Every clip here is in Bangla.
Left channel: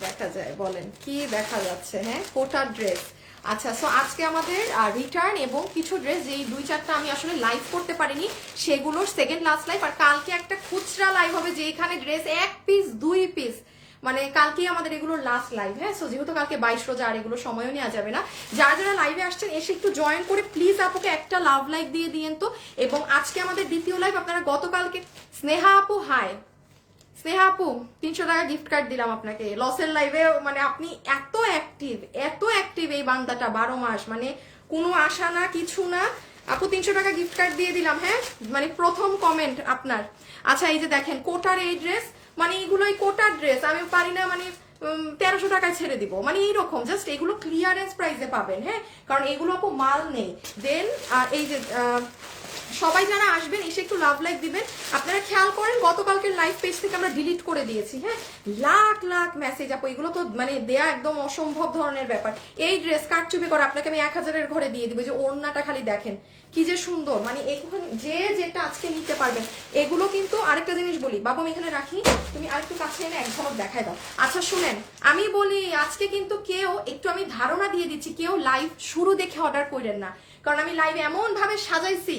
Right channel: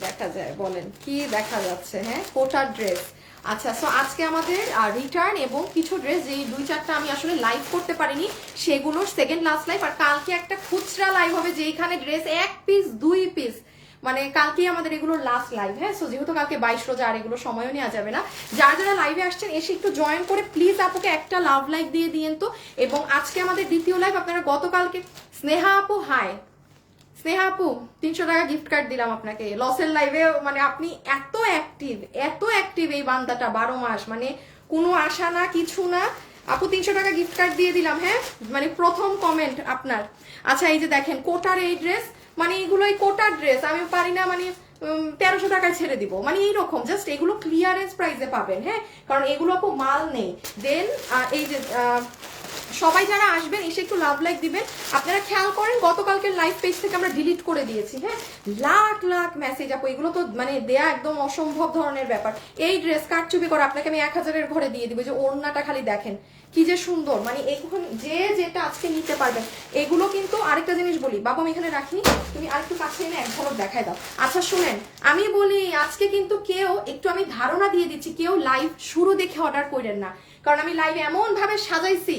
দেখা যায় বলেন কি দেখা যাচ্ছে? হ্যাঁ, কোটার ড্রেস। আচ্ছা, সো আজকে আমাদের রিটার্ন এবং কিছু ড্রেস যেই 2-4টা আমি আসলে লাইভ করতে পারিনি সেগুলোর সেকেন্ড লাস্ট লাইভ, আর কালকে একটা খুচরা লাইভ হবে যেখানে ড্রেস 1 পিস 2 পিস, মানে কালকেই আমাদের এগুলোর লাস্ট লাইভ। হ্যাঁ, সো যেহেতু কালকে 22 রোজা আর এগুলো সময়ও নেওয়া যাবে না, যারা যারা লাইভে আসছেন এসে একটু জয়েন করে প্লিজ আপুকে একটা লাভ লাইক দিয়ে দিয়েন তো। এবং আজকে আমাদের দ্বিতীয় লাইভ, আপনারা গতকালকে স্নেহা আপু, হাই স্নেহা আপু, 300 টাকা গিফট কার্ড দিলাম আপনাকে লসের লাইভে। মানে আপনি এত অ্যাক্টিভ এই বান্দাটা 12 মাস, মানে কোনো আশা না কিছু না। আপু 300 টাকা গিফট কার্ড দিয়ে দিলাম। হ্যাঁ, মানে প্রথম কমেন্ট আপনার। আচ্ছা, এই যে দেখেন কোটার এই ড্রেস, মানে এগুলোই কোটার ড্রেস আমি পারি না, মানে 1300 টাকায় ছেড়ে দিব, মানে এইরকম জাস্ট এগুলো ক্লিয়ারেন্স প্রাইসে পাবেন। হ্যাঁ, কারণ এগুলো আপু মাল নেই। দেন এই যে সবাই যারা আসবেন এসে একটু লাভ লাইক দিবেন। আপনারা খেয়াল করেন গতকালকের লাইভ পেজ থেকে আমরা ডিলিট করে দিয়েছি। হ্যাঁ, লাখ লাখ মেসেজ আপু, এগুলো তো মানে দেয়া একদম অসম্ভব ধরনের ব্যাপার। এই ড্রেস কারচুপি করে আপনাকে আমি 1000-এর ঘরে দিয়ে দিব। যে ওড়নাটা খালি দেখেন কি যে সুন্দর, মানে এখানে যে যেটা আজকে নিতে পারবেন। এগুলো কিন্তু আরেকটা জিনিস বলি, বাবা আমি এখানে রাখি, তুমি আরেকটু কাছে এনে এক ঝলক দেখায় দাও। আচ্ছা শুনেন, আমি বলি আজকে কিন্তু কেউ, একটু আমি ধারণা দিয়ে দিচ্ছি, কেউ লাইভ শুরু দেখে অর্ডার করেন না, কারণ আমি লাইভ এমন ভাবে সাজাইছি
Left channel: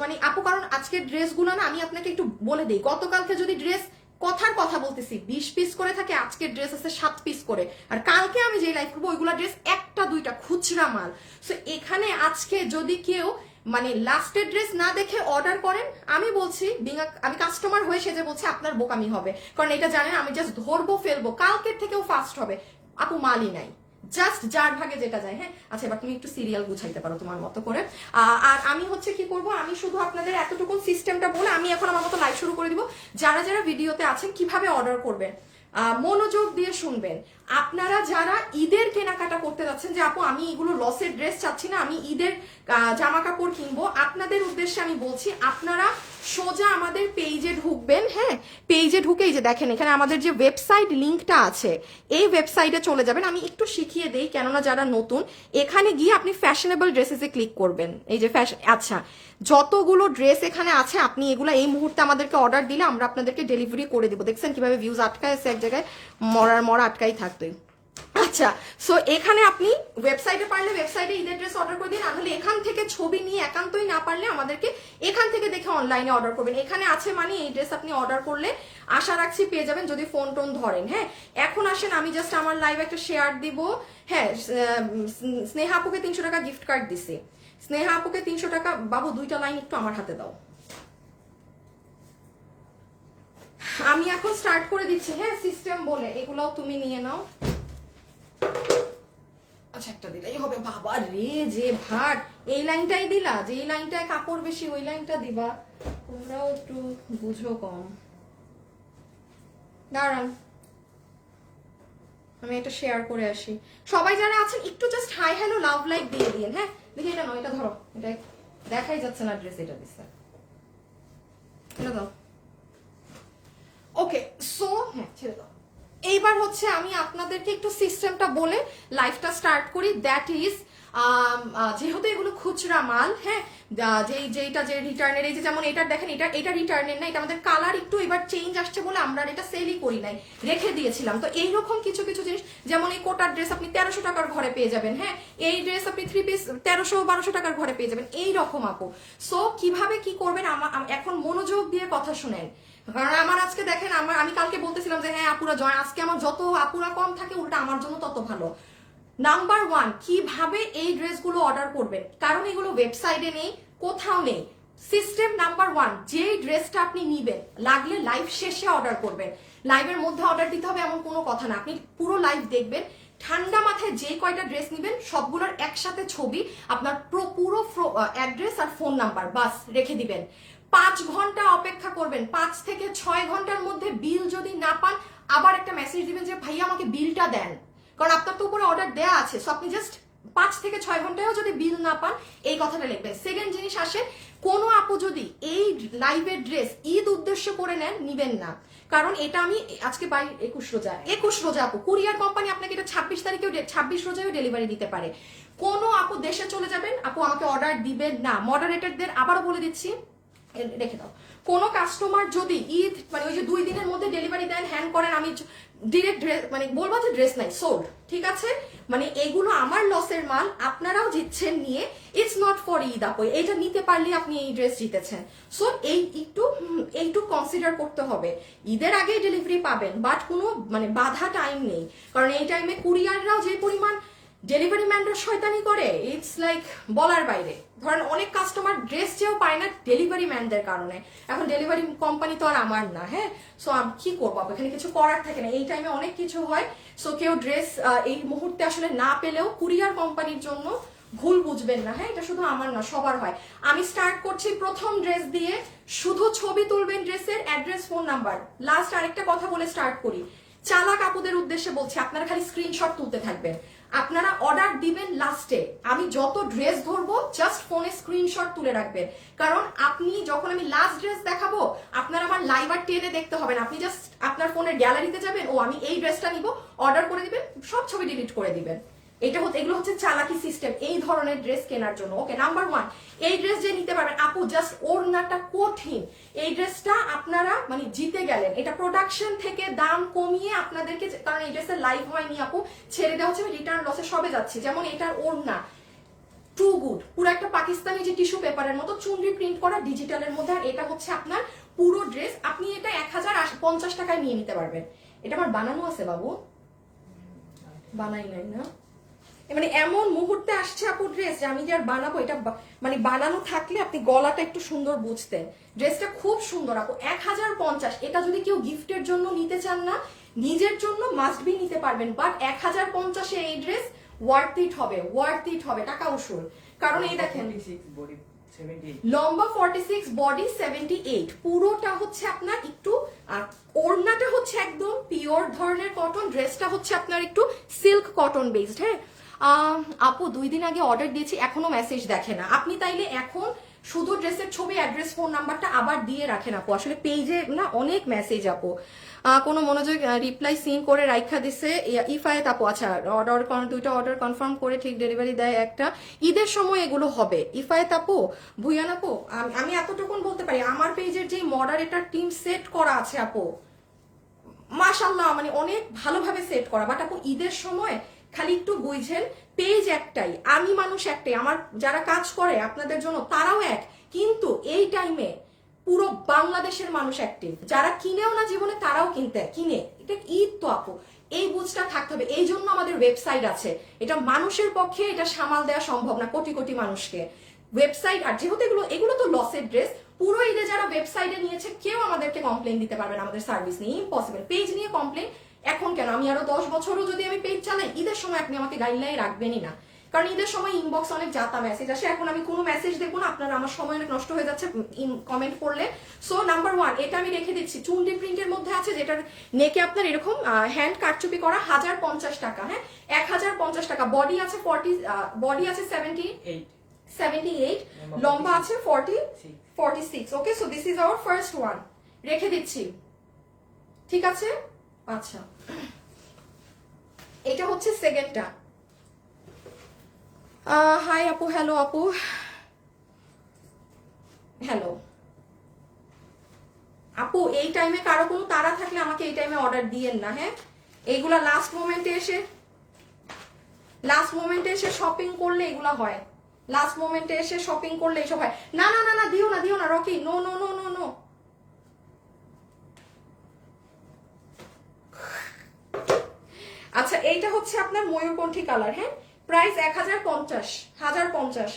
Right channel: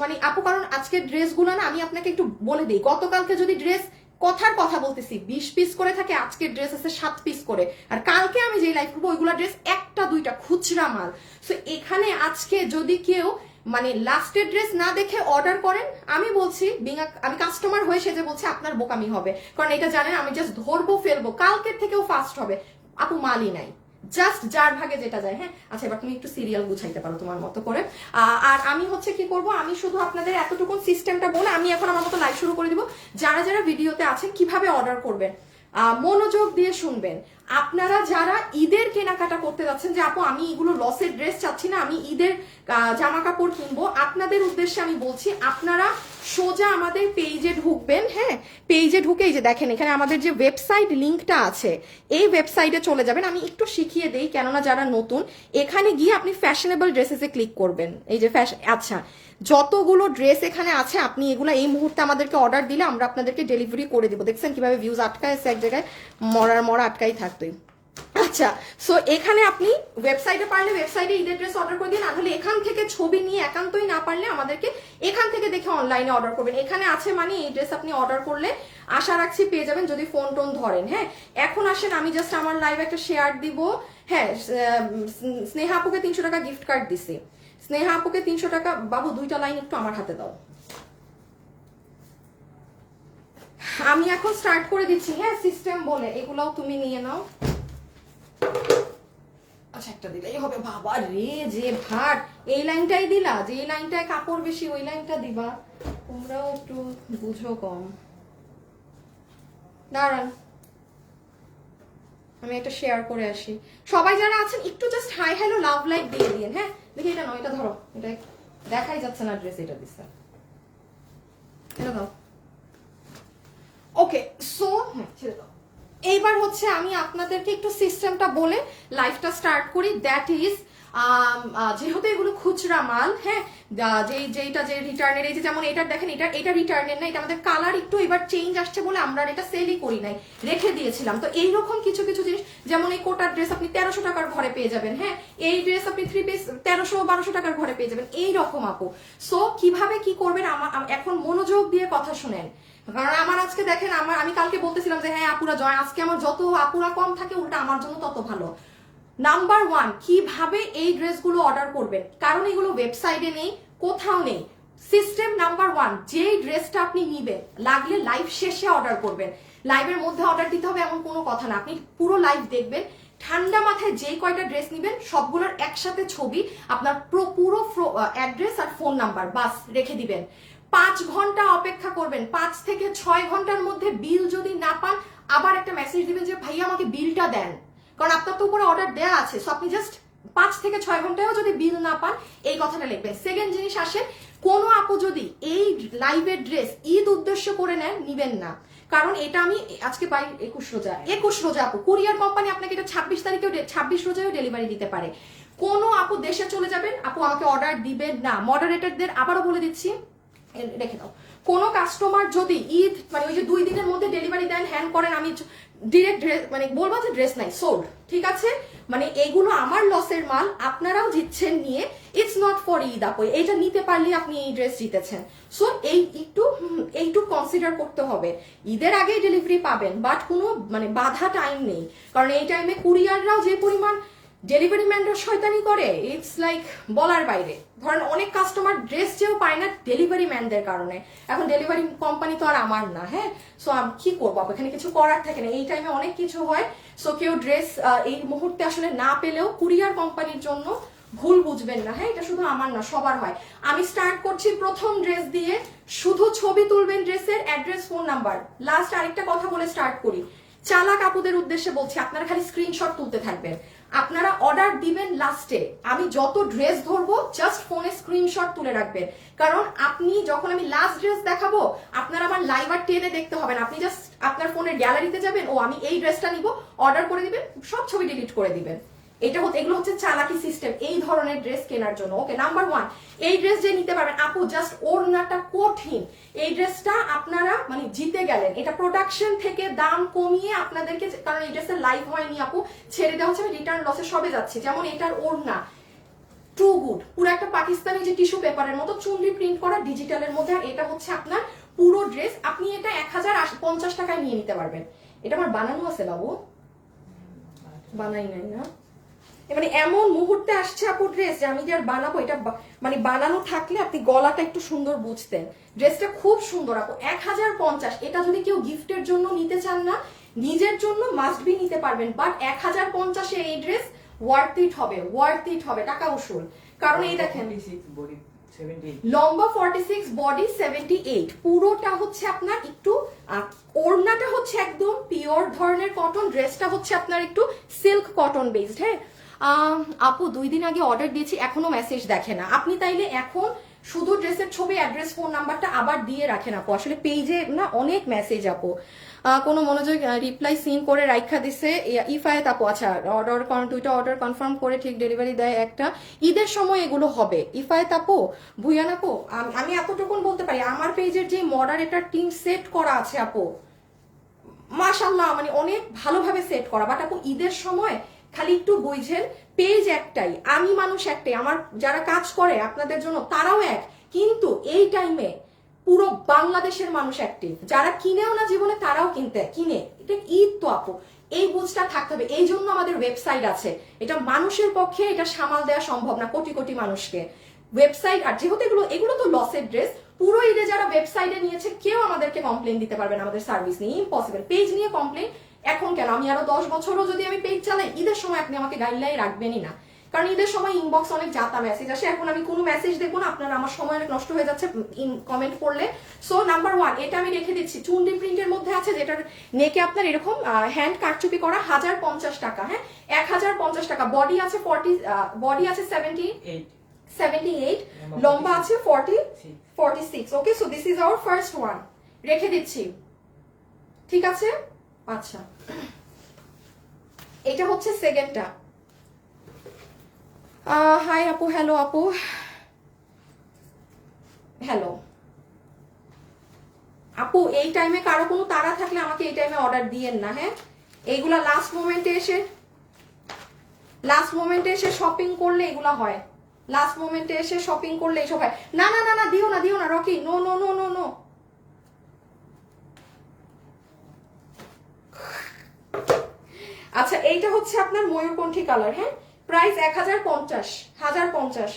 মানে আপু, কারণ আজকের ড্রেসগুলো না আমি আপনাকে একটু বলে দিই, গতকালকে যদি ড্রেস কথার কথা বলতেছি 20 পিস করে থাকে, আজকের ড্রেস আছে 7 পিস করে, আর কালকে আমি যে লাইভ করবো ওইগুলা ড্রেস 1-2টা খুচরা মাল। সো এখানে আজকে যদি কেউ মানে লাস্টের ড্রেস না দেখে অর্ডার করেন, আমি বলছি আমি কাস্টমার হয়ে সেজে বলছি আপনার বোকামি হবে, কারণ এটা জানেন আমি জাস্ট ধরবো ফেলবো, কালকের থেকেও ফাস্ট হবে। আপু মালই নাই, জাস্ট যার ভাগে যেটা যায়। হ্যাঁ, আচ্ছা এবার তুমি একটু সিরিয়াল গুছাইতে পারো তোমার মতো করে। আর আমি হচ্ছে কি করব, আমি শুধু আপনাদের এতটুকু সিস্টেমটা বলে আমি এখন আমার মতো লাইভ শুরু করে দিব। যারা যারা ভিডিওতে আছেন কিভাবে অর্ডার করবেন মনোযোগ দিয়ে শুনবেন। আপনারা যারা ঈদের কেনাকাটা করতে যাচ্ছেন, যে আপু আমি এগুলো লসের ড্রেস চাচ্ছি না, আমি ঈদের জামা কাপড় কিনবো, আপনাদের উদ্দেশ্যে আমি বলছি আপনারা সোজা আমাদের পেজে ঢুকবেন। হ্যাঁ, পেজে ঢুকে এই যে দেখেন এখানে আমাদের যে ওয়েবসাইট লিঙ্কটা আছে, এই ওয়েবসাইটে চলে যাবেন। আমি একটু শিখিয়ে দেই, কেননা যারা নতুন, এখানে গিয়ে আপনি ফ্যাশনেবল ড্রেসেসে ক্লিক করবেন। এই যে আচ্ছা, যতগুলো ড্রেস এখানে আছে আপনি এগুলো এই মুহূর্তে আমাদেরকে অর্ডার দিলে আমরা আপনাদেরকে ডেলিভারি করে দিব। দেখছেন কিভাবে ভিউজ আটকায় আছে, এক জায়গায় মরা আটকাই থাকবে। আচ্ছা, সো এখানে আপনি ওয়েবসাইটে পারলে ওয়েবসাইটে ঈদের ড্রেস অর্ডার করে দিন, তাহলে এখান থেকে ছবি নিয়ে একান্তই না পারলে আমাদেরকে এখান থেকে দেখে অনলাইনে অর্ডার করবেন। এখানে আছে মানে এই ড্রেস আপনি অর্ডার করলে আশা রাখছি পেয়ে যাবেন, যদি ফোন টোন ধরেন। হ্যাঁ, এখন আসেন আমি জাস্ট আমার লাইভ একটা শেয়ার দিব। হ্যাঁ, স্নেহা আপুকে 300 টাকা গিফট কার্ড দিছি। স্নেহা আপুকে 300 টাকা। বাবু 2টা লাইন একটু আমার হাতে দাও, আমি এখন স্টার্ট করে দিচ্ছি। হ্যাঁ, সিস্টেম বলে এগুলাও তুমি নিয়ে নাও। আচ্ছা, একটা দিলেই হবে। বাবা রে, যে ভাট, এই লাইনটাই দিলা, যে এই লাইনটায় কাপড় বেশি ওই লাইনটা দিবা। তোমরাও একটু বুঝো কম। দাঁড়ান আমি এটা শেয়ার করে আসি। সবাই যারা আছেন একটু just hi hello love like দিয়ে দিন। হ্যাঁ, দেখি এটা নয়, এটা ধরো, এটা দেখাই যাচ্ছে না ড্রেস, এটা দিচ্ছে, এটা দাও। ওকে, সো হ্যাঁ ছেড়ে দাও। এইবার হচ্ছে আমি আপনাদেরকে একটু সিস্টেমটা বলে লাইফটা স্টার্ট করি। দ্যাট ইজ যেহেতু এগুলো খুচরা মাল, হ্যাঁ, যেটা যে রিটার্নের, এই যে যেমন এটা দেখেন, এটা রিটার্নের না, এটা আমাদের কালার একটু এবার চেঞ্জ আসছে বলে আমরা এটা সেলই করি নাই, রেখে দিয়েছিলাম। তো এইরকম কিছু কিছু জিনিস, যেমন এই কোটার ড্রেস আপনি 1300 টাকার ঘরে পেয়ে যাবেন। হ্যাঁ, এই ড্রেস আপনি 3 পিস 1300-1200 টাকার ঘরে পেয়ে যাবেন, এইরকম আপু। সো কিভাবে কি করবেন এখন মনোযোগ দিয়ে কথা শুনেন, কারণ আমার আজকে দেখেন আমি কালকে বলতেছিলাম যে হ্যাঁ আপুরা জয়, আজকে আমার যত আপুরা কম থাকে উল্টা আমার জন্য তত ভালো। নাম্বার 1, কিভাবে এই ড্রেসগুলো অর্ডার করবেন, কারণ এগুলো ওয়েবসাইটে নেই, কোথাও নেই। সিস্টেম নাম্বার 1, যে ড্রেসটা আপনি নিবেন লাগলে লাইভ শেষে অর্ডার করবেন। লাইভের মধ্যে অর্ডার দিতে হবে এমন কোনো কথা না, আপনি পুরো লাইভ দেখবেন, ঠান্ডা মাথায় যেই কয়টা ড্রেস নিবেন সবগুলোর একসাথে ছবি, আপনার পুরো অ্যাড্রেস আর ফোন নাম্বার বাস রেখে দিবেন। 5 ঘন্টা অপেক্ষা করবেন, 5 থেকে 6 ঘন্টার মধ্যে বিল যদি না পান আবার একটা মেসেজ দিবেন যে ভাইয়া আমাকে বিলটা দেন, কারণ আপনার তো উপরে অর্ডার দেয়া আছে। সো আপনি জাস্ট 5 থেকে 6 ঘন্টায়ও যদি বিল না পান এই কথাটা লিখবেন। সেকেন্ড জিনিস আসে, কোনো আপু যদি এই লাইভের ড্রেস ঈদ উদ্দেশ্য করে নেন, নিবেন না, কারণ এটা আমি আজকে 21 রোজা আপু, কুরিয়ার কোম্পানি আপনাকে এটা 26 রোজায়ও ডেলিভারি দিতে পারে। কোনো আপু দেশে চলে যাবেন, আপু আমাকে অর্ডার দিবেন না। মডারেটরদের আবারও বলে দিচ্ছি, রেখে দাও। কোন কাস্টমার যদি ঈদ মানে ওই যে 2 দিনের মধ্যে ডেলিভারি দেন, হ্যান্ড করেন, আমি ডিরেক্ট ড্রেস মানে বলবো যে ড্রেস নাই, সোল্ড, ঠিক আছে? মানে এইগুলো আমার লসের মাল, আপনারাও জিতছেন নিয়ে। ইটস নট ফর ঈদ আপু, এইটা নিতে পারলে আপনি এই ড্রেস জিতেছেন। সো এইটু কনসিডার করতে হবে। ঈদের আগেই ডেলিভারি পাবেন, বাট কোনো মানে বাধা টাইম নেই, কারণ এই টাইমে কুরিয়াররাও যে পরিমাণ ডেলিভারি ম্যানরা শয়তানি করে, ইটস লাইক বলার বাইরে। ধরেন অনেক কাস্টমার ড্রেস চেয়েও পায় না ডেলিভারি ম্যানদের কারণে। এখন ডেলিভারি কোম্পানি তো আর আমার না, হ্যাঁ? সো আমি কি করবো, এখানে কিছু করার থাকে না। এই টাইমে অনেক কিছু হয়। সো কেউ ড্রেস এই মুহূর্তে আসলে না পেলেও কুরিয়ার কোম্পানির জন্য ভুল বুঝবেন না, হ্যাঁ? এটা শুধু আমার না, সবার হয়। আমি স্টার্ট করছি প্রথম ড্রেস দিয়ে। শুধু ছবি তুলবেন ড্রেসের, অ্যাড্রেস, ফোন নাম্বার। লাস্ট আরেকটা কথা বলে স্টার্ট করি, চালাক আপুদের উদ্দেশ্যে বলছি, আপনারা খালি স্ক্রিনশট তুলতে থাকবেন। আপনারা অর্ডার দিবেন লাস্টে, আমি যত ড্রেস ধরবো জাস্ট ফোনে স্ক্রিনশট তুলে রাখবেন। কারণ আপনি যখন আমি লাস্ট ড্রেস দেখাবো, আপনার আমার লাইভ আর টেনে দেখতে হবে না। আপনি জাস্ট আপনার ফোনের গ্যালারিতে যাবেন, ও আমি এই ড্রেসটা নিব, অর্ডার করে দিবেন, সব ছবি ডিলিট করে দিবেন। এগুলো হচ্ছে চালাকি সিস্টেম এই ধরনের ড্রেস কেনার জন্য। ওকে, নাম্বার 1, এই ড্রেস যে নিতে পারবেন আপু, জাস্ট ওড়নাটা কঠিন। এই ড্রেসটা আপনারা মানে জিতে গেলেন। এটা প্রোডাকশন থেকে দাম কমিয়ে আপনাদেরকে, কারণ এই ড্রেসের লাইভ হয়নি আপু, ছেড়ে দেওয়া হচ্ছে, আমি রিটার্ন লসে সবে যাচ্ছি। যেমন এটার ওড়না টু গুড, পুরো একটা পাকিস্তানি যে টিস্যু পেপারের মতো চুনরি প্রিন্ট করা ডিজিটালের মধ্যে। এটা হচ্ছে আপনার পুরো ড্রেস, আপনি এটা 1050 টাকায় নিয়ে নিতে পারবেন। এটা আমার বানানো আছে বাবু, বানাই নাই না? মানে এমন মুহূর্তে আসছে আপু ড্রেস যে আমি যে আর বানাবো, এটা মানে বানানো থাকলে আপনি গলাটা একটু সুন্দর বুঝতেন। ড্রেসটা খুব সুন্দর আপু, 1050। এটা যদি কেউ গিফটের জন্য নিতে চান না, নিজের জন্য মাস্ট বি নিতে পারবেন। বাট 1050-এ এই ড্রেস ওয়ার্থ ইট হবে, টাকা উসুল। কারণ এই দেখেন, লম্বা 46, বডি 78, পুরোটা হচ্ছে আপনার একটু ওড়নাটা হচ্ছে একদম পিওর ধরনের কটন, ড্রেসটা হচ্ছে আপনার একটু সিল্ক কটন বেসড। হ্যাঁ আপু, 2 দিন আগে অর্ডার দিয়েছি, এখনো মেসেজ দেখে না। আপনি তাইলে এখন শুধু ড্রেসের ছবি, অ্যাড্রেস, ফোন নাম্বারটা আবার দিয়ে রাখেন আপু। আসলে পেজে না অনেক মেসেজ আপু, কোনো মনোযোগ রিপ্লাই সিন করে রাইখা দিছে। ইফায়েত আপু, আচ্ছা অর্ডার 2টা অর্ডার কনফার্ম করে ঠিক ডেলিভারি দেয় একটা, ঈদের সময় এগুলো হবে। ইফায়েত আপু, ভুয়ান আপু, আমি এতটুকুন বলতে পারি, আমার পেজের যে মডারেটর টিম সেট করা আছে আপু, মাশাআল্লাহ, মানে অনেক ভালোভাবে সেট করা। বাট আপু ঈদের সময় খালি একটু বুঝেন, পেজ একটাই, আমি মানুষ একটাই, আমার যারা কাজ করে আপনাদের জন্য তারাও এক, কিন্তু এই টাইমে পুরো বাংলাদেশের মানুষ অ্যাক্টিভ। যারা কিনেও না জীবনে তারাও কিনে। এটা ঈদ তো আপু, এই বুঝটা থাকতে হবে। এই জন্য আমাদের ওয়েবসাইট আছে। এটা মানুষের পক্ষে এটা সামাল দেওয়া সম্ভব না, কোটি কোটি মানুষকে ওয়েবসাইট। আর যেহেতু এগুলো তো লসের ড্রেস, পুরো ঈদে যারা ওয়েবসাইটে নিয়েছে কেউ আমাদেরকে কমপ্লেন দিতে পারবে না আমাদের সার্ভিস নিয়ে, ইম্পসিবল। পেজ নিয়ে কমপ্লেন এখন কেন, আমি আরো 10 বছরও যদি আমি পেজ চালাই, ঈদের সময় আপনি আমাকে গাইডলাইন রাখবেনই না। কারণ ঈদের সময় ইনবক্স অনেক যাতা মেসেজ আসে, এখন আমি কোনো মেসেজ দেখবো না, আপনারা আমার সময় অনেক নষ্ট হয়ে যাচ্ছে কমেন্ট করলে। সো নাম্বার 1, এটা আমি রেখে দিচ্ছি, চুনরি প্রিন্টের মধ্যে আছে, যেটার নেকে আপনার এরকম হ্যান্ড কারচুপি করা, 1050 টাকা। হ্যাঁ, 1050 টাকা। বডি আছে 78, লম্বা আছে 46। Okay, so this is our first one, রেখে দিচ্ছি, ঠিক আছে? আচ্ছা, এটা হচ্ছে সেকেন্ডটা। হাই আপু, হ্যালো আপু, হ্যালো আপু। এই টাইমে কারো কোনো তাড়া থাকলে আমাকে এই টাইমে অর্ডার দিয়েন না, হ্যাঁ? এইগুলা লাস্ট মোমেন্টে এসে শপিং করলে এগুলা হয়, লাস্ট মোমেন্টে এসে শপিং করলে এসব হয়। না না না না, দিও না Rocky, no no no no no. আচ্ছা, এইটা হচ্ছে আপনার ময়ূরকণ্ঠী কালার। হ্যাঁ, প্রাইস 1050।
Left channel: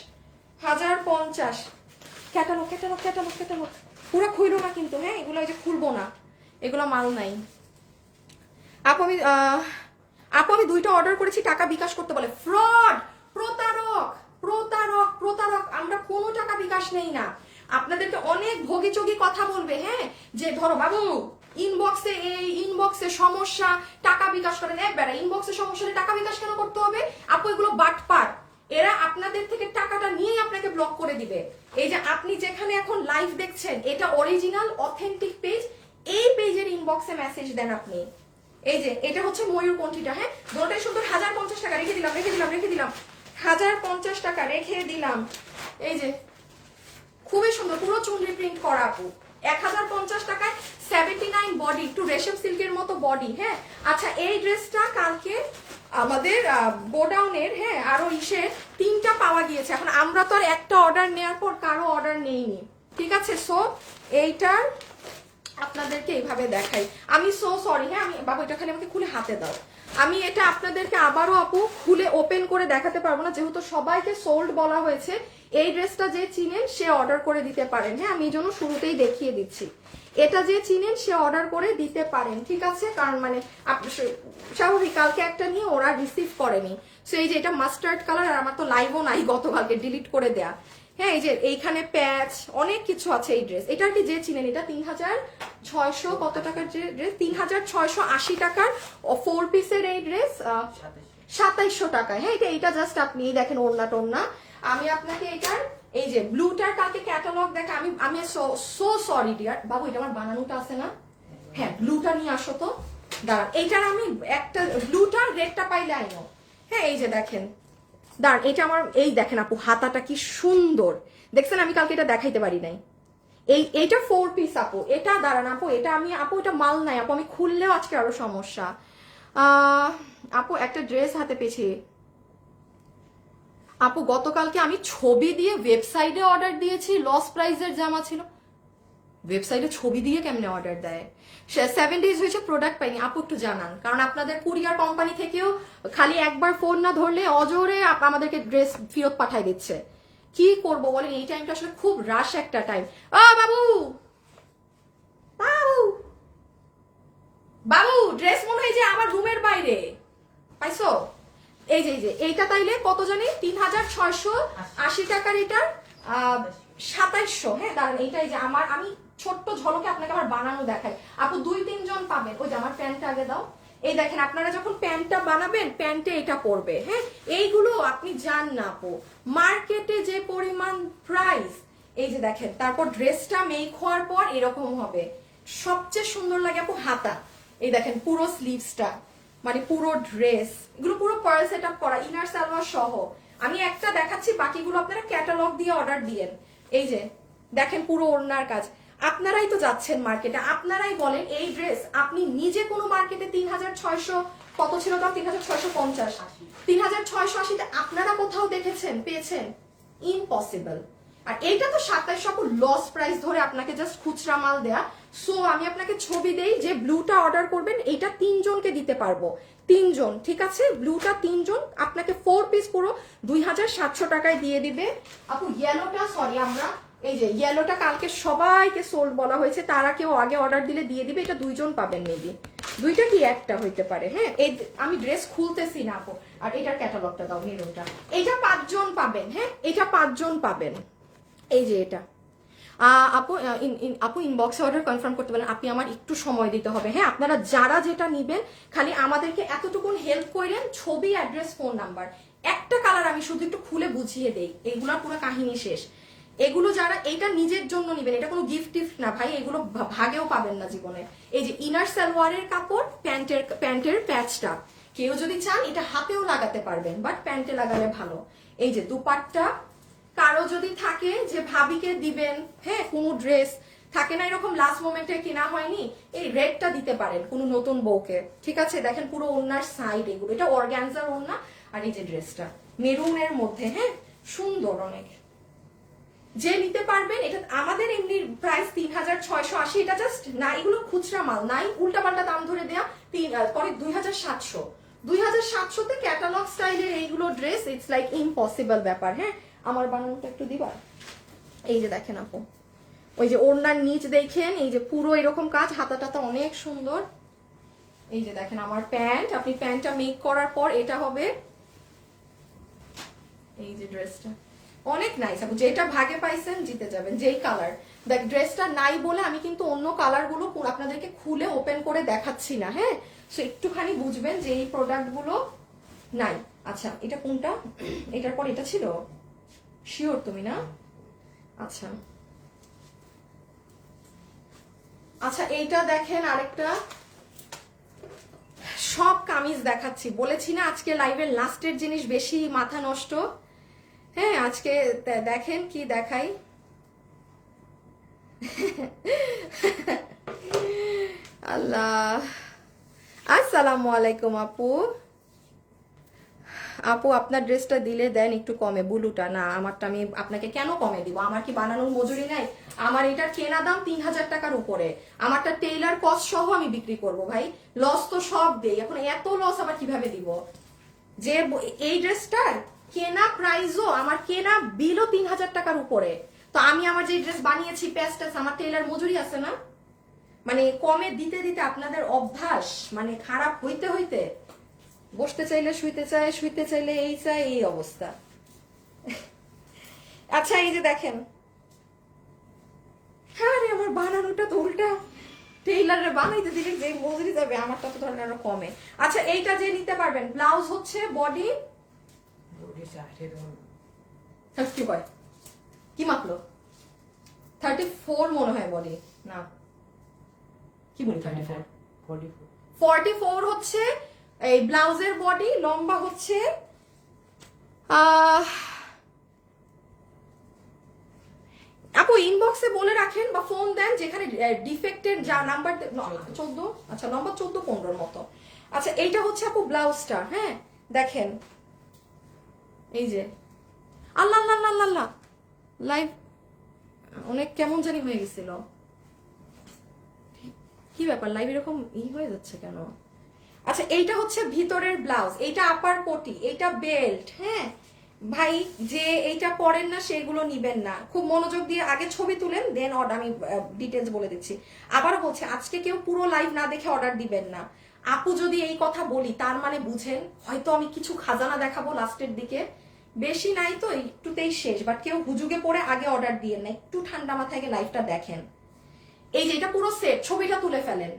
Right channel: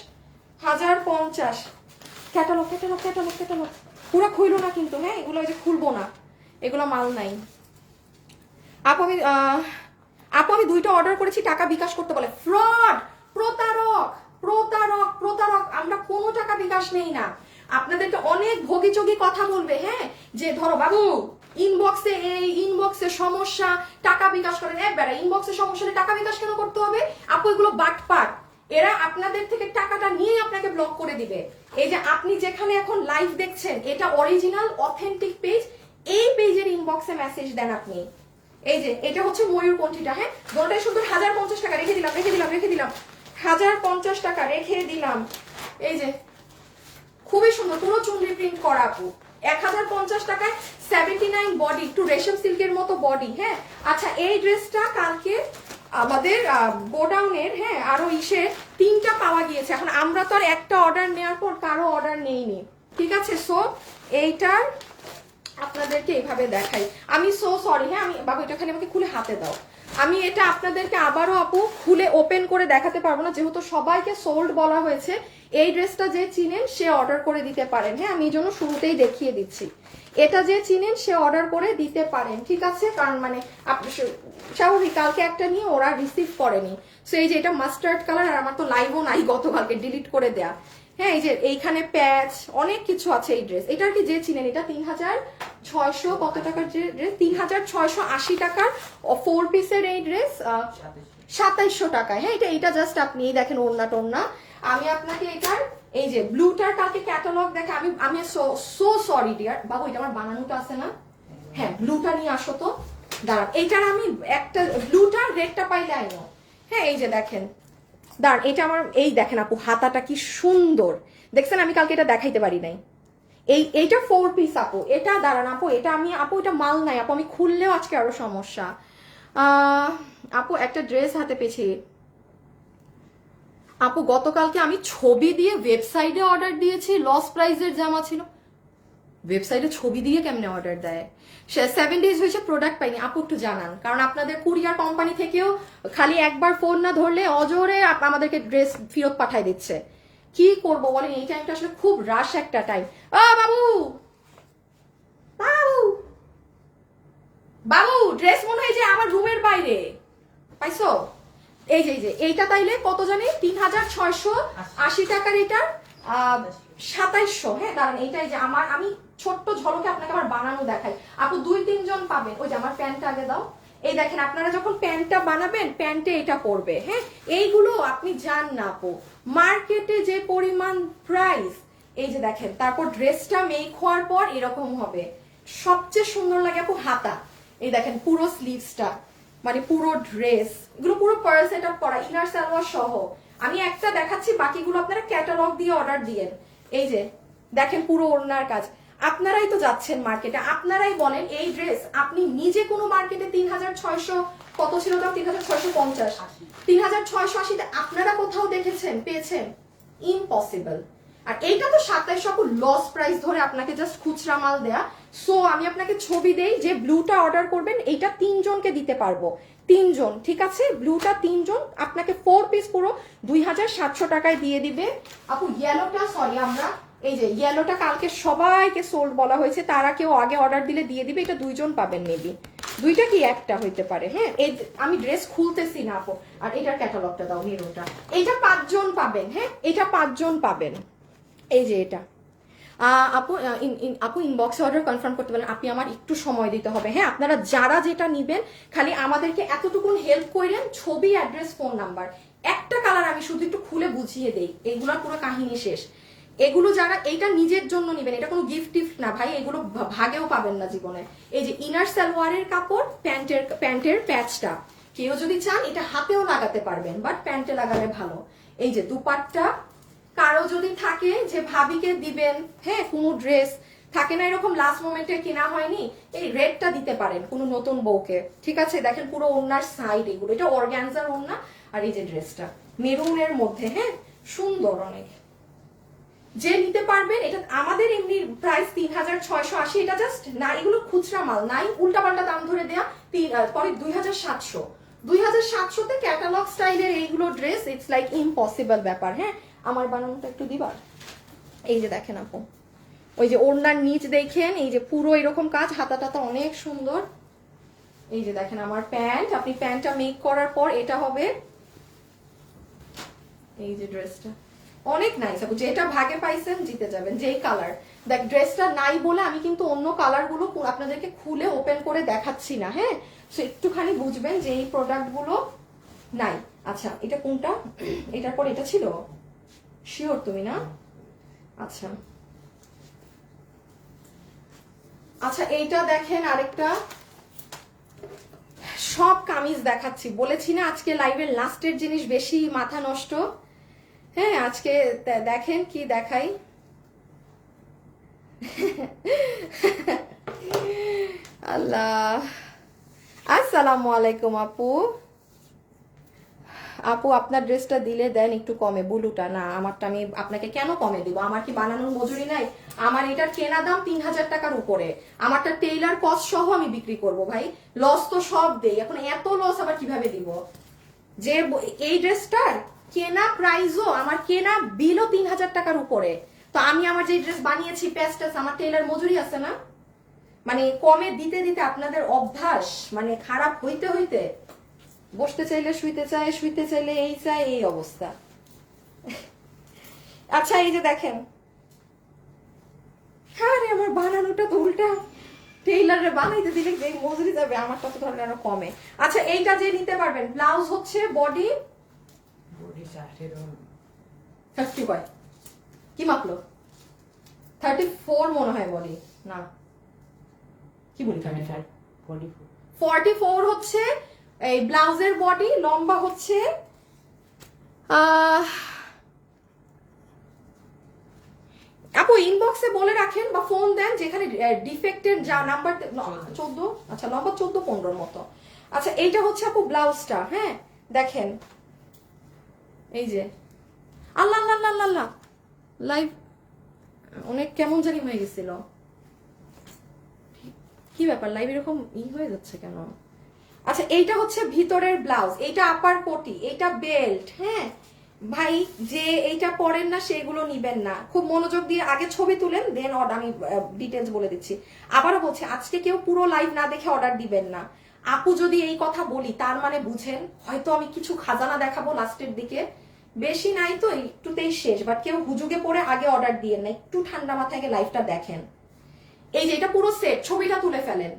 ক্যাটালগ পুরো খুইলো না কিন্তু, হ্যাঁ? এগুলো যে খুলবো না, এগুলো মাল নাই আপু। আমি 2টা অর্ডার করেছি, টাকা বিকাশ করতে বলে। ফ্রড, প্রতারক। আমরা কোনো টাকা বিকাশ নেই না। আপনাদেরকে অনেক ভোগী কথা বলবে, হ্যাঁ, যে ধরো বাবু ইনবক্সে সমস্যা, টাকা বিকাশ করেন। একবার ইনবক্সে সমস্যা হলে টাকা বিকাশ কেন করতে হবে আপু? এগুলো বাটপার, এরা আপনাদের থেকে টাকাটা নিয়ে আপনাকে ব্লক করে দিবে। এই যে আপনি যেখানে এখন লাইভ দেখছেন, এটা অরিজিনাল অথেন্টিক পেজ। এই পেজের ইনবক্সে মেসেজ দেন আপনি। এই যে এটা হচ্ছে ময়ূরকণ্ঠীটা। হ্যাঁ, দুটোটাই শুধু 1050 টাকা। রেখে দিলাম 1050 টাকা রেখে দিলাম। এই যে খুবই সুন্দর, পুরো চুনরি প্রিন্ট করা আপু, 1050 টাকায় 79 বডি, একটু রেশম সিল্কের মতো বডি। হ্যাঁ আচ্ছা, এই ড্রেসটা কালকে আমাদের গোডাউনের হ্যাঁ আরো ইসে 3টা পাওয়া গিয়েছে। এখন আমরা তো আর একটা অর্ডার নেওয়ার পর কারো অর্ডার নেইনি, ঠিক আছে? সো এইটার আপনাদেরকে এইভাবে দেখাই। আমি সো সরি, হ্যাঁ আমি বাবু এটা খালি আমাকে খুলে হাতে দাও। আমি এটা আপনাদেরকে আবারও আপু খুলে ওপেন করে দেখাতে পারবো না, যেহেতু সবাইকে সোল্ড বলা হয়েছে। এই ড্রেসটা যে চিনেন সে অর্ডার করে দিতে পারেন। হ্যাঁ আমি জন্য শুরুতেই দেখিয়ে দিচ্ছি, এটা যে চিনেন সে অর্ডার করে দিতে পারেন, ঠিক আছে? কারণ মানে স্বাভাবিক কালকে একটা নিয়ে ওরা রিসিভ করেনি। সো এই যে এটা মাস্টার্ড কালার, আর আমার তো লাইভও নাই গতকালকে, ডিলিট করে দেয়া। হ্যাঁ এই যে এইখানে প্যাচ অনেক কিছু আছে এই ড্রেস। এটার কি যে চিনেন, এটা 3600 কত টাকার ড্রেস, 3680 টাকার 4 পিসের এই ড্রেস 2700 টাকায়। হ্যাঁ এটা জাস্ট আপনি দেখেন ওড়না টোড়না। আমি আপনাকে এটার এই যে ব্লুটার কালকে ক্যাটালগ দেখে আমি সো সরি ডিয়ার বাবু, এটা আমার বানানোটা আছে না? হ্যাঁ ব্লুটা নিয়ে আসো তো, দাঁড়ান। এইটার আমি একটা ব্লুটার রেডটা পাইলে আইনো। হ্যাঁ এই যে দেখেন, দাঁড়ান এটা আমার, এই দেখেন আপু হাতাটা কি সুন্দর দেখছেন, আমি কালকে এটা দেখাইতে পারি নাই। এইটা 4 পিস আপু, এটা দাঁড়ান আপু, এটা আমি আপু এটা মাল নাই আপু, আমি খুললেও আজকে আরো সমস্যা। আপু একটা ড্রেস হাতে পেয়েছি আপু, গতকালকে আমি ছবি দিয়ে ওয়েবসাইটে অর্ডার দিয়েছি, লস প্রাইসের জামা ছিল। ওয়েবসাইটে ছবি দিয়ে কেমনে অর্ডার দেয়? 7 ডেজ হয়েছে প্রোডাক্ট পাইনি। আপু একটু জানান, কারণ আপনাদের কুরিয়ার কোম্পানি থেকেও খালি একবার ফোন না ধরলে অজোরে আমাদেরকে ড্রেস ফেরত পাঠাই দিচ্ছে। কি করবো বলেন, এই টাইমটা আসলে খুব রাশ একটা টাইম। বাবু বাবু বাবু, ড্রেস মনে হয় যে আমার রুমের বাইরে পাইছো। এই যে এইটা তাইলে কত জানি 3680 টাকার, এটা 2700। হ্যাঁ দাঁড়ান এইটাই যে আমার, আমি ছোট্ট ঝলকে আপনাকে আবার বানানো দেখাই। আপু 2-3 জন পাবেন। ওই যে আমার প্যান্টটা আগে দাও। এই দেখেন আপনারা যখন প্যান্টটা বানাবেন প্যান্টে এটা পরবে। হ্যাঁ এইগুলো আপনি জান না আপু, মার্কেটে যে পরিমাণ প্রাইস। এই যে দেখেন, তারপর ড্রেসটা মেক হওয়ার পর এরকম হবে। সবচেয়ে সুন্দর লাগে আপু হাতা। এই দেখেন পুরো স্লিভসটা, মানে পুরো ড্রেস, এগুলো পুরো পার্ল সেট আপ করা, ইনার সালোয়ার সহ। আমি একটা দেখাচ্ছি, বাকিগুলো আপনারা ক্যাটালগ দিয়ে অর্ডার দিয়েন। এই যে দেখেন পুরো ওড়নার কাজ। আপনারাই তো যাচ্ছেন মার্কেটে, আপনারাই বলেন এই ড্রেস আপনি নিজে কোনো মার্কেটে 3600 কত ছিল তাও 3650 3680 আপনারা কোথাও দেখেছেন পেয়েছেন? ইম্পসিবল। আর এইটা তো 2700 লস প্রাইস ধরে আপনাকে জাস্ট খুচরা মাল দেয়া। সো আমি আপনাকে ছবি দেই, যে ব্লুটা অর্ডার করবেন এইটা 3 জনকে দিতে পারবো, 3 জন, ঠিক আছে? ব্লুটা 3 জন, আপনাকে 4 পিস পুরো 2700 টাকায় দিয়ে দিবে আপু। ইয়েলোটা সরি, আমরা এই যে ইয়েলোটা কালকে সবাইকে সোল্ড বলা হয়েছে, তারা কেউ আগে অর্ডার দিলে দিয়ে দিবে। এটা 2 জন পাবেন মেবি, 2টা কি একটা হইতে পারে। হ্যাঁ এই আমি ড্রেস খুলতেছি না আপু। আর এটার ক্যাটালগটা দাও, মেরুনটা, এইটা 5 জন পাবেন। হ্যাঁ এটা 5 জন পাবেন। এই যে এটা আপু আপু ইনবক্সে অর্ডার কনফার্ম করতে পারেন। আপনি আমার একটু সময় দিতে হবে। হ্যাঁ আপনারা যারা যেটা নিবেন খালি আমাদেরকে এতটুকুন হেল্প করেন, ছবি, অ্যাড্রেস, ফোন নাম্বার। একটা কালার আমি শুধু একটু খুলে বুঝিয়ে দেই, এগুলোর পুরো কাহিনী শেষ। এগুলো যারা এইটা নিজের জন্য নিবেন, এটা কোনো গিফট টিফট না ভাই, এগুলো ভাগেও পাবেন না জীবনে। এই যে ইনার সালোয়ারের কাপড়, প্যান্টের প্যাচটা কেউ যদি চান এটা হাতেও লাগাতে পারবেন, বাট প্যান্টে লাগালে ভালো। এই যে দুপাট্টা, কারো যদি থাকে যে ভাবিকে দিবেন, হ্যাঁ কোনো ড্রেস থাকে না এরকম লাস্ট মোমেন্টে কেনা হয়নি, এই রেডটা দিতে পারেন কোনো নতুন বউকে, ঠিক আছে? দেখেন পুরো ওড়নার সাইড এগুলো, এটা অর্গানজার ওড়না। আর এই যে ড্রেসটা মেরুনের মধ্যে, হ্যাঁ সুন্দর অনেক। যে নিতে পারবেন, এটা আমাদের এমনি প্রাইস 3680, এটা জাস্ট না, এগুলো খুচরা মাল নাই, উল্টাপাল্টা দাম ধরে দেয়া। পরে 2700 তে ক্যাটালগ স্টাইলের এইগুলো ড্রেস, ইটস লাইক ইম্পসিবল ব্যাপার। হ্যাঁ আমার বানানোটা একটু দিবা। এই যে দেখেন আপু, ওই যে ওড়নার নিচ দেখেন, এই যে পুরো এরকম কাজ, হাতা টাতা অনেক সুন্দর। এই যে দেখেন আমার প্যান্ট, আপনি প্যান্টটা মেক করার পর এটা হবে। এই যে ড্রেসটা অনেক নাইস আপু, যেটা ভাগে পাইছেন জিতে যাবেন, যেই কালার। দেখ ড্রেসটা নাই বলে আমি কিন্তু অন্য কালার গুলো আপনাদেরকে খুলে ওপেন করে দেখাচ্ছি না। হ্যাঁ সে একটুখানি বুঝবেন যে এই প্রোডাক্ট গুলো নাই। আচ্ছা এটা কোনটা, এটার পর এটা ছিল, শিওর তুমি না? আচ্ছা আচ্ছা এইটা দেখেন আরেকটা, সব কামিজ দেখাচ্ছি, বলেছি না আজকে লাইভের লাস্টের জিনিস বেশি মাথা নষ্ট। হ্যাঁ আজকে দেখেন কি দেখাই। আল্লাহ, আসসালামু আলাইকুম আপু। আপু আপনার ড্রেসটা দিলে দেন একটু কমে, ব্লুটা না, আমারটা আমি আপনাকে কেন কমে দিব? আমার কি বানানোর মজুরি নাই? আমার এটার কেনা দাম 3000 টাকার উপরে, আমারটা টেইলার কস্ট সহ আমি বিক্রি করব ভাই, লস তো সব দেই, এখন এত লস আবার কিভাবে দিব? যে এই ড্রেসটার কেনা প্রাইসও, আমার কেনা বিলও 3000 টাকার উপরে, তো আমি আমার যে ড্রেস বানিয়েছি প্যাস্টাস, আমার টেইলার মজুরি আছে না? মানে কমে দিতে দিতে আপনাদের অভ্যাস মানে খারাপ হইতে হইতে বসতে চাইলে শুইতে চায়, শুইতে চাইলে এই চায়, এই অবস্থা। আচ্ছা এই যে দেখেন, হ্যাঁ রে আমার বানানোটা তো উল্টা, টেইলারে বানাইতে দিলে যে মজুরি যাবে আমারটা তো ধরেন আরো কমে। আচ্ছা এইটা যে নিতে পারবেন, ব্লাউজ হচ্ছে বডি 30 কয় কি মাপলো, 34 মনে হয় বডি, না কি বলি 44 হচ্ছে এই ব্লাউজের বডি, লম্বা হচ্ছে আপু ইনবক্সে বলে রাখেন বা ফোন দেন যেখানে ডিফেক্টের যা নাম্বার 14, আচ্ছা লম্বা 14-15 মতো। আচ্ছা এইটা হচ্ছে আপু ব্লাউজটা, হ্যাঁ দেখেন এই যে, আল্লাহ আল্লাহ আল্লাহ আল্লাহ, লাইভ অনেক কেমন জানি হয়ে গেছিল, কি ব্যাপার লাইভ এরকম হয়ে যাচ্ছে কেন? আচ্ছা এইটা হচ্ছে ভিতরের ব্লাউজ, এইটা আপার কোটি, এইটা বেল্ট। হ্যাঁ ভাই যে এইটা পরেন না সেগুলো নিবেন না, খুব মনোযোগ দিয়ে আগে ছবি তুলেন দেন অর্ডার, আমি ডিটেলস বলে দিচ্ছি। আবারও বলছি আজকে কেউ পুরো লাইভ না দেখে অর্ডার দিবেন না। আপু যদি এই কথা বলি তার মানে বুঝেন হয়তো আমি কিছু খাজানা দেখাবো লাস্টের দিকে, বেশি নাই তো একটুতেই শেষ, বাট কেউ হুজুগে পড়ে আগে অর্ডার দিয়েন না, একটু ঠান্ডা মাথায় লাইভটা দেখেন। এই যে এটা পুরো সেট, ছবিটা তুলে ফেলেন।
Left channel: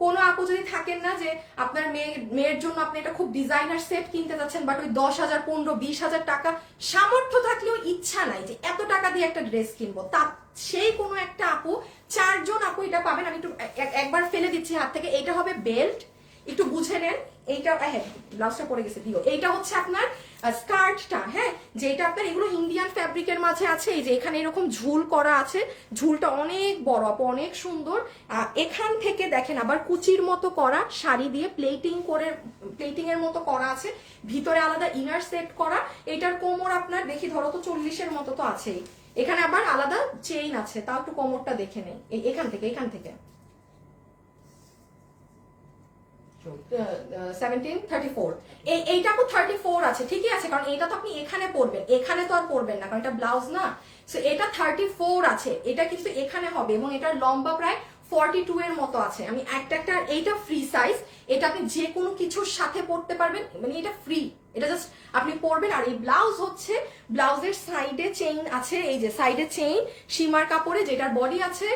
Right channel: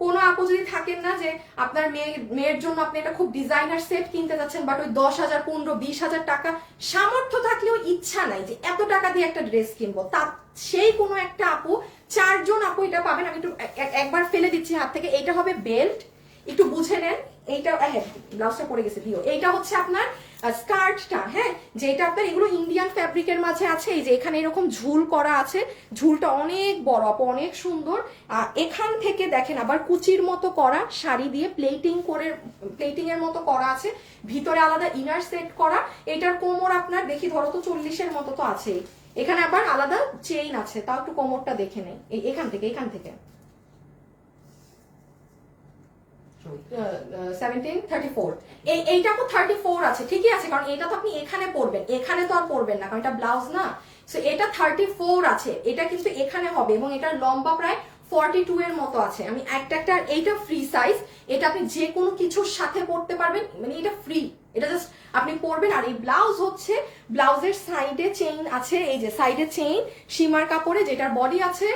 কোনো আপু যদি থাকেন না যে আপনার মেয়ের জন্য আপনি এটা খুব ডিজাইনার সেট কিনতে যাচ্ছেন, বাট ওই 10,000, 15, 20,000 টাকা সামর্থ্য থাকলেও ইচ্ছা নাই যে এত টাকা দিয়ে একটা ড্রেস কিনবো, তা সেই কোনো একটা আপু, 4 জন আপু এটা পাবেন। আমি একটু একবার ফেলে দিচ্ছি হাত থেকে। এইটা হবে বেল্ট, একটু বুঝে নেন। এইটা হ্যাঁ ব্লাউজটা পরে গেছে দিও। এইটা হচ্ছে আপনার স্কার্টটা, হ্যাঁ যেটা আপনার এগুলো ইন্ডিয়ান ফ্যাব্রিকের মাঝে আছে। এই যে এখানে এরকম ঝুল করা আছে, ঝুলটা অনেক বড় আপু, অনেক সুন্দর। এখান থেকে দেখেন আবার কুচির মতো করা, শাড়ি দিয়ে প্লেটিং এর মতো করা আছে, ভিতরে আলাদা ইনার সেট করা। এটার কোমর আপনার দেখি ধরো তো 40-এর মতো তো আছেই, এখানে আবার আলাদা চেইন আছে, তাও একটু কোমরটা দেখে নেই। এখান থেকে 17-34, এইটা তো 34 আছে, ঠিকই আছে, কারণ এটা তো আপনি এখানে পরবেন, এখানে তো আর পরবেন না কারণ এটা ব্লাউজ না। সো এটা 34 আছে, এটা কিন্তু এখানে হবে, এবং এটার লম্বা প্রায় 42 এর মতো আছে। আমি একটা এইটা ফ্রি সাইজ, এটা আপনি যে কোনো কিছুর সাথে পরতে পারবেন, মানে এটা ফ্রি, এটা জাস্ট আপনি পরবেন। আর এই ব্লাউজ হচ্ছে, ব্লাউজের সাইডে চেইন আছে, এই যে সাইডে চেইন সীমার কাপড়ে, যেটার বডি আছে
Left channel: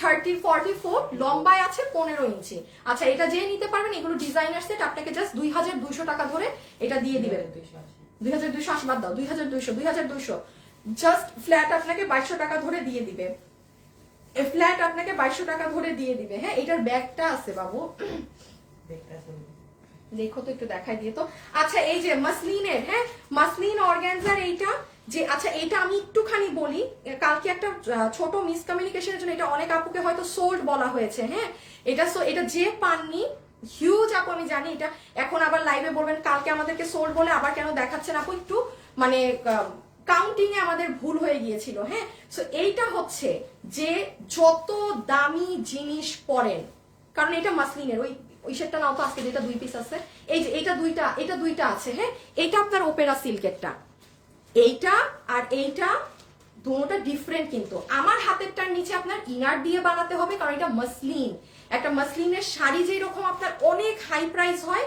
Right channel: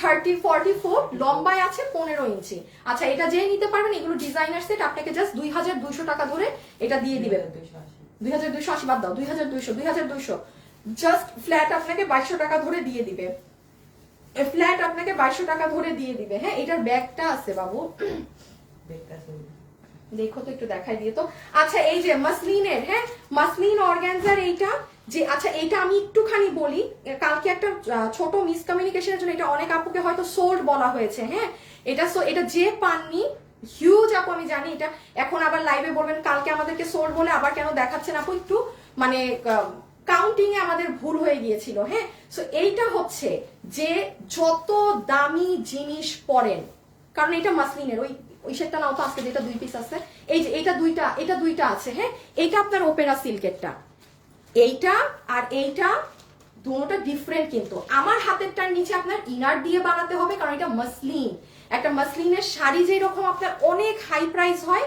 30-44, লম্বায় আছে 15 ইঞ্চি। আচ্ছা এটা যে নিতে পারবেন, এগুলো ডিজাইনার সেট, আপনাকে জাস্ট 2200 টাকা ধরে এটা দিয়ে দিবেন। 2280 বাদ দাও, 2200 জাস্ট ফ্ল্যাট আপনাকে 2200 টাকা ধরে দিয়ে দিবে, ফ্ল্যাট আপনাকে 2200 টাকা ধরে দিয়ে দিবে। হ্যাঁ এটার ব্যাগটা আছে বাবু, দেখো তো একটু দেখাই দিয়ে তো। আচ্ছা এই যে মাসলিনের, হ্যাঁ মাসলিন অর্গানজার এইটা যে, আচ্ছা এটা আমি একটুখানি বলি, কালকে একটা ছোট মিসকমিউনিকেশনের জন্য এটা অনেক আপুকে হয়তো সোল্ড বলা হয়েছে। হ্যাঁ এটা যে পাননি, হিউজ আপু আমি জানি, এটা এখন আবার লাইভে বলবেন কালকে আমাদেরকে সোল্ড বলে আবার কেন দেখাচ্ছেন আপু, একটু মানে কাউন্টিং এ আমাদের ভুল হয়ে গিয়েছিল। হ্যাঁ সো এইটা হচ্ছে যে যত দামি জিনিস পরেন, কারণ এটা মাসলিনের, ওই সেটটা নাও তো আজকে, যেটা 2 পিস আছে, এই যে এটা দুইটা আছে। হ্যাঁ এইটা আপনার ওপেরা সিল্কেরটা, এইটা আর এইটা দুটোটা ডিফারেন্ট, কিন্তু আমার হাতেরটার নিচে আপনার ইনার দিয়ে বানাতে হবে, কারণ এটা মাসলিন। একটা মাসলিনের শাড়ি যেরকম আপনার অনেক হাই প্রাইস হয়,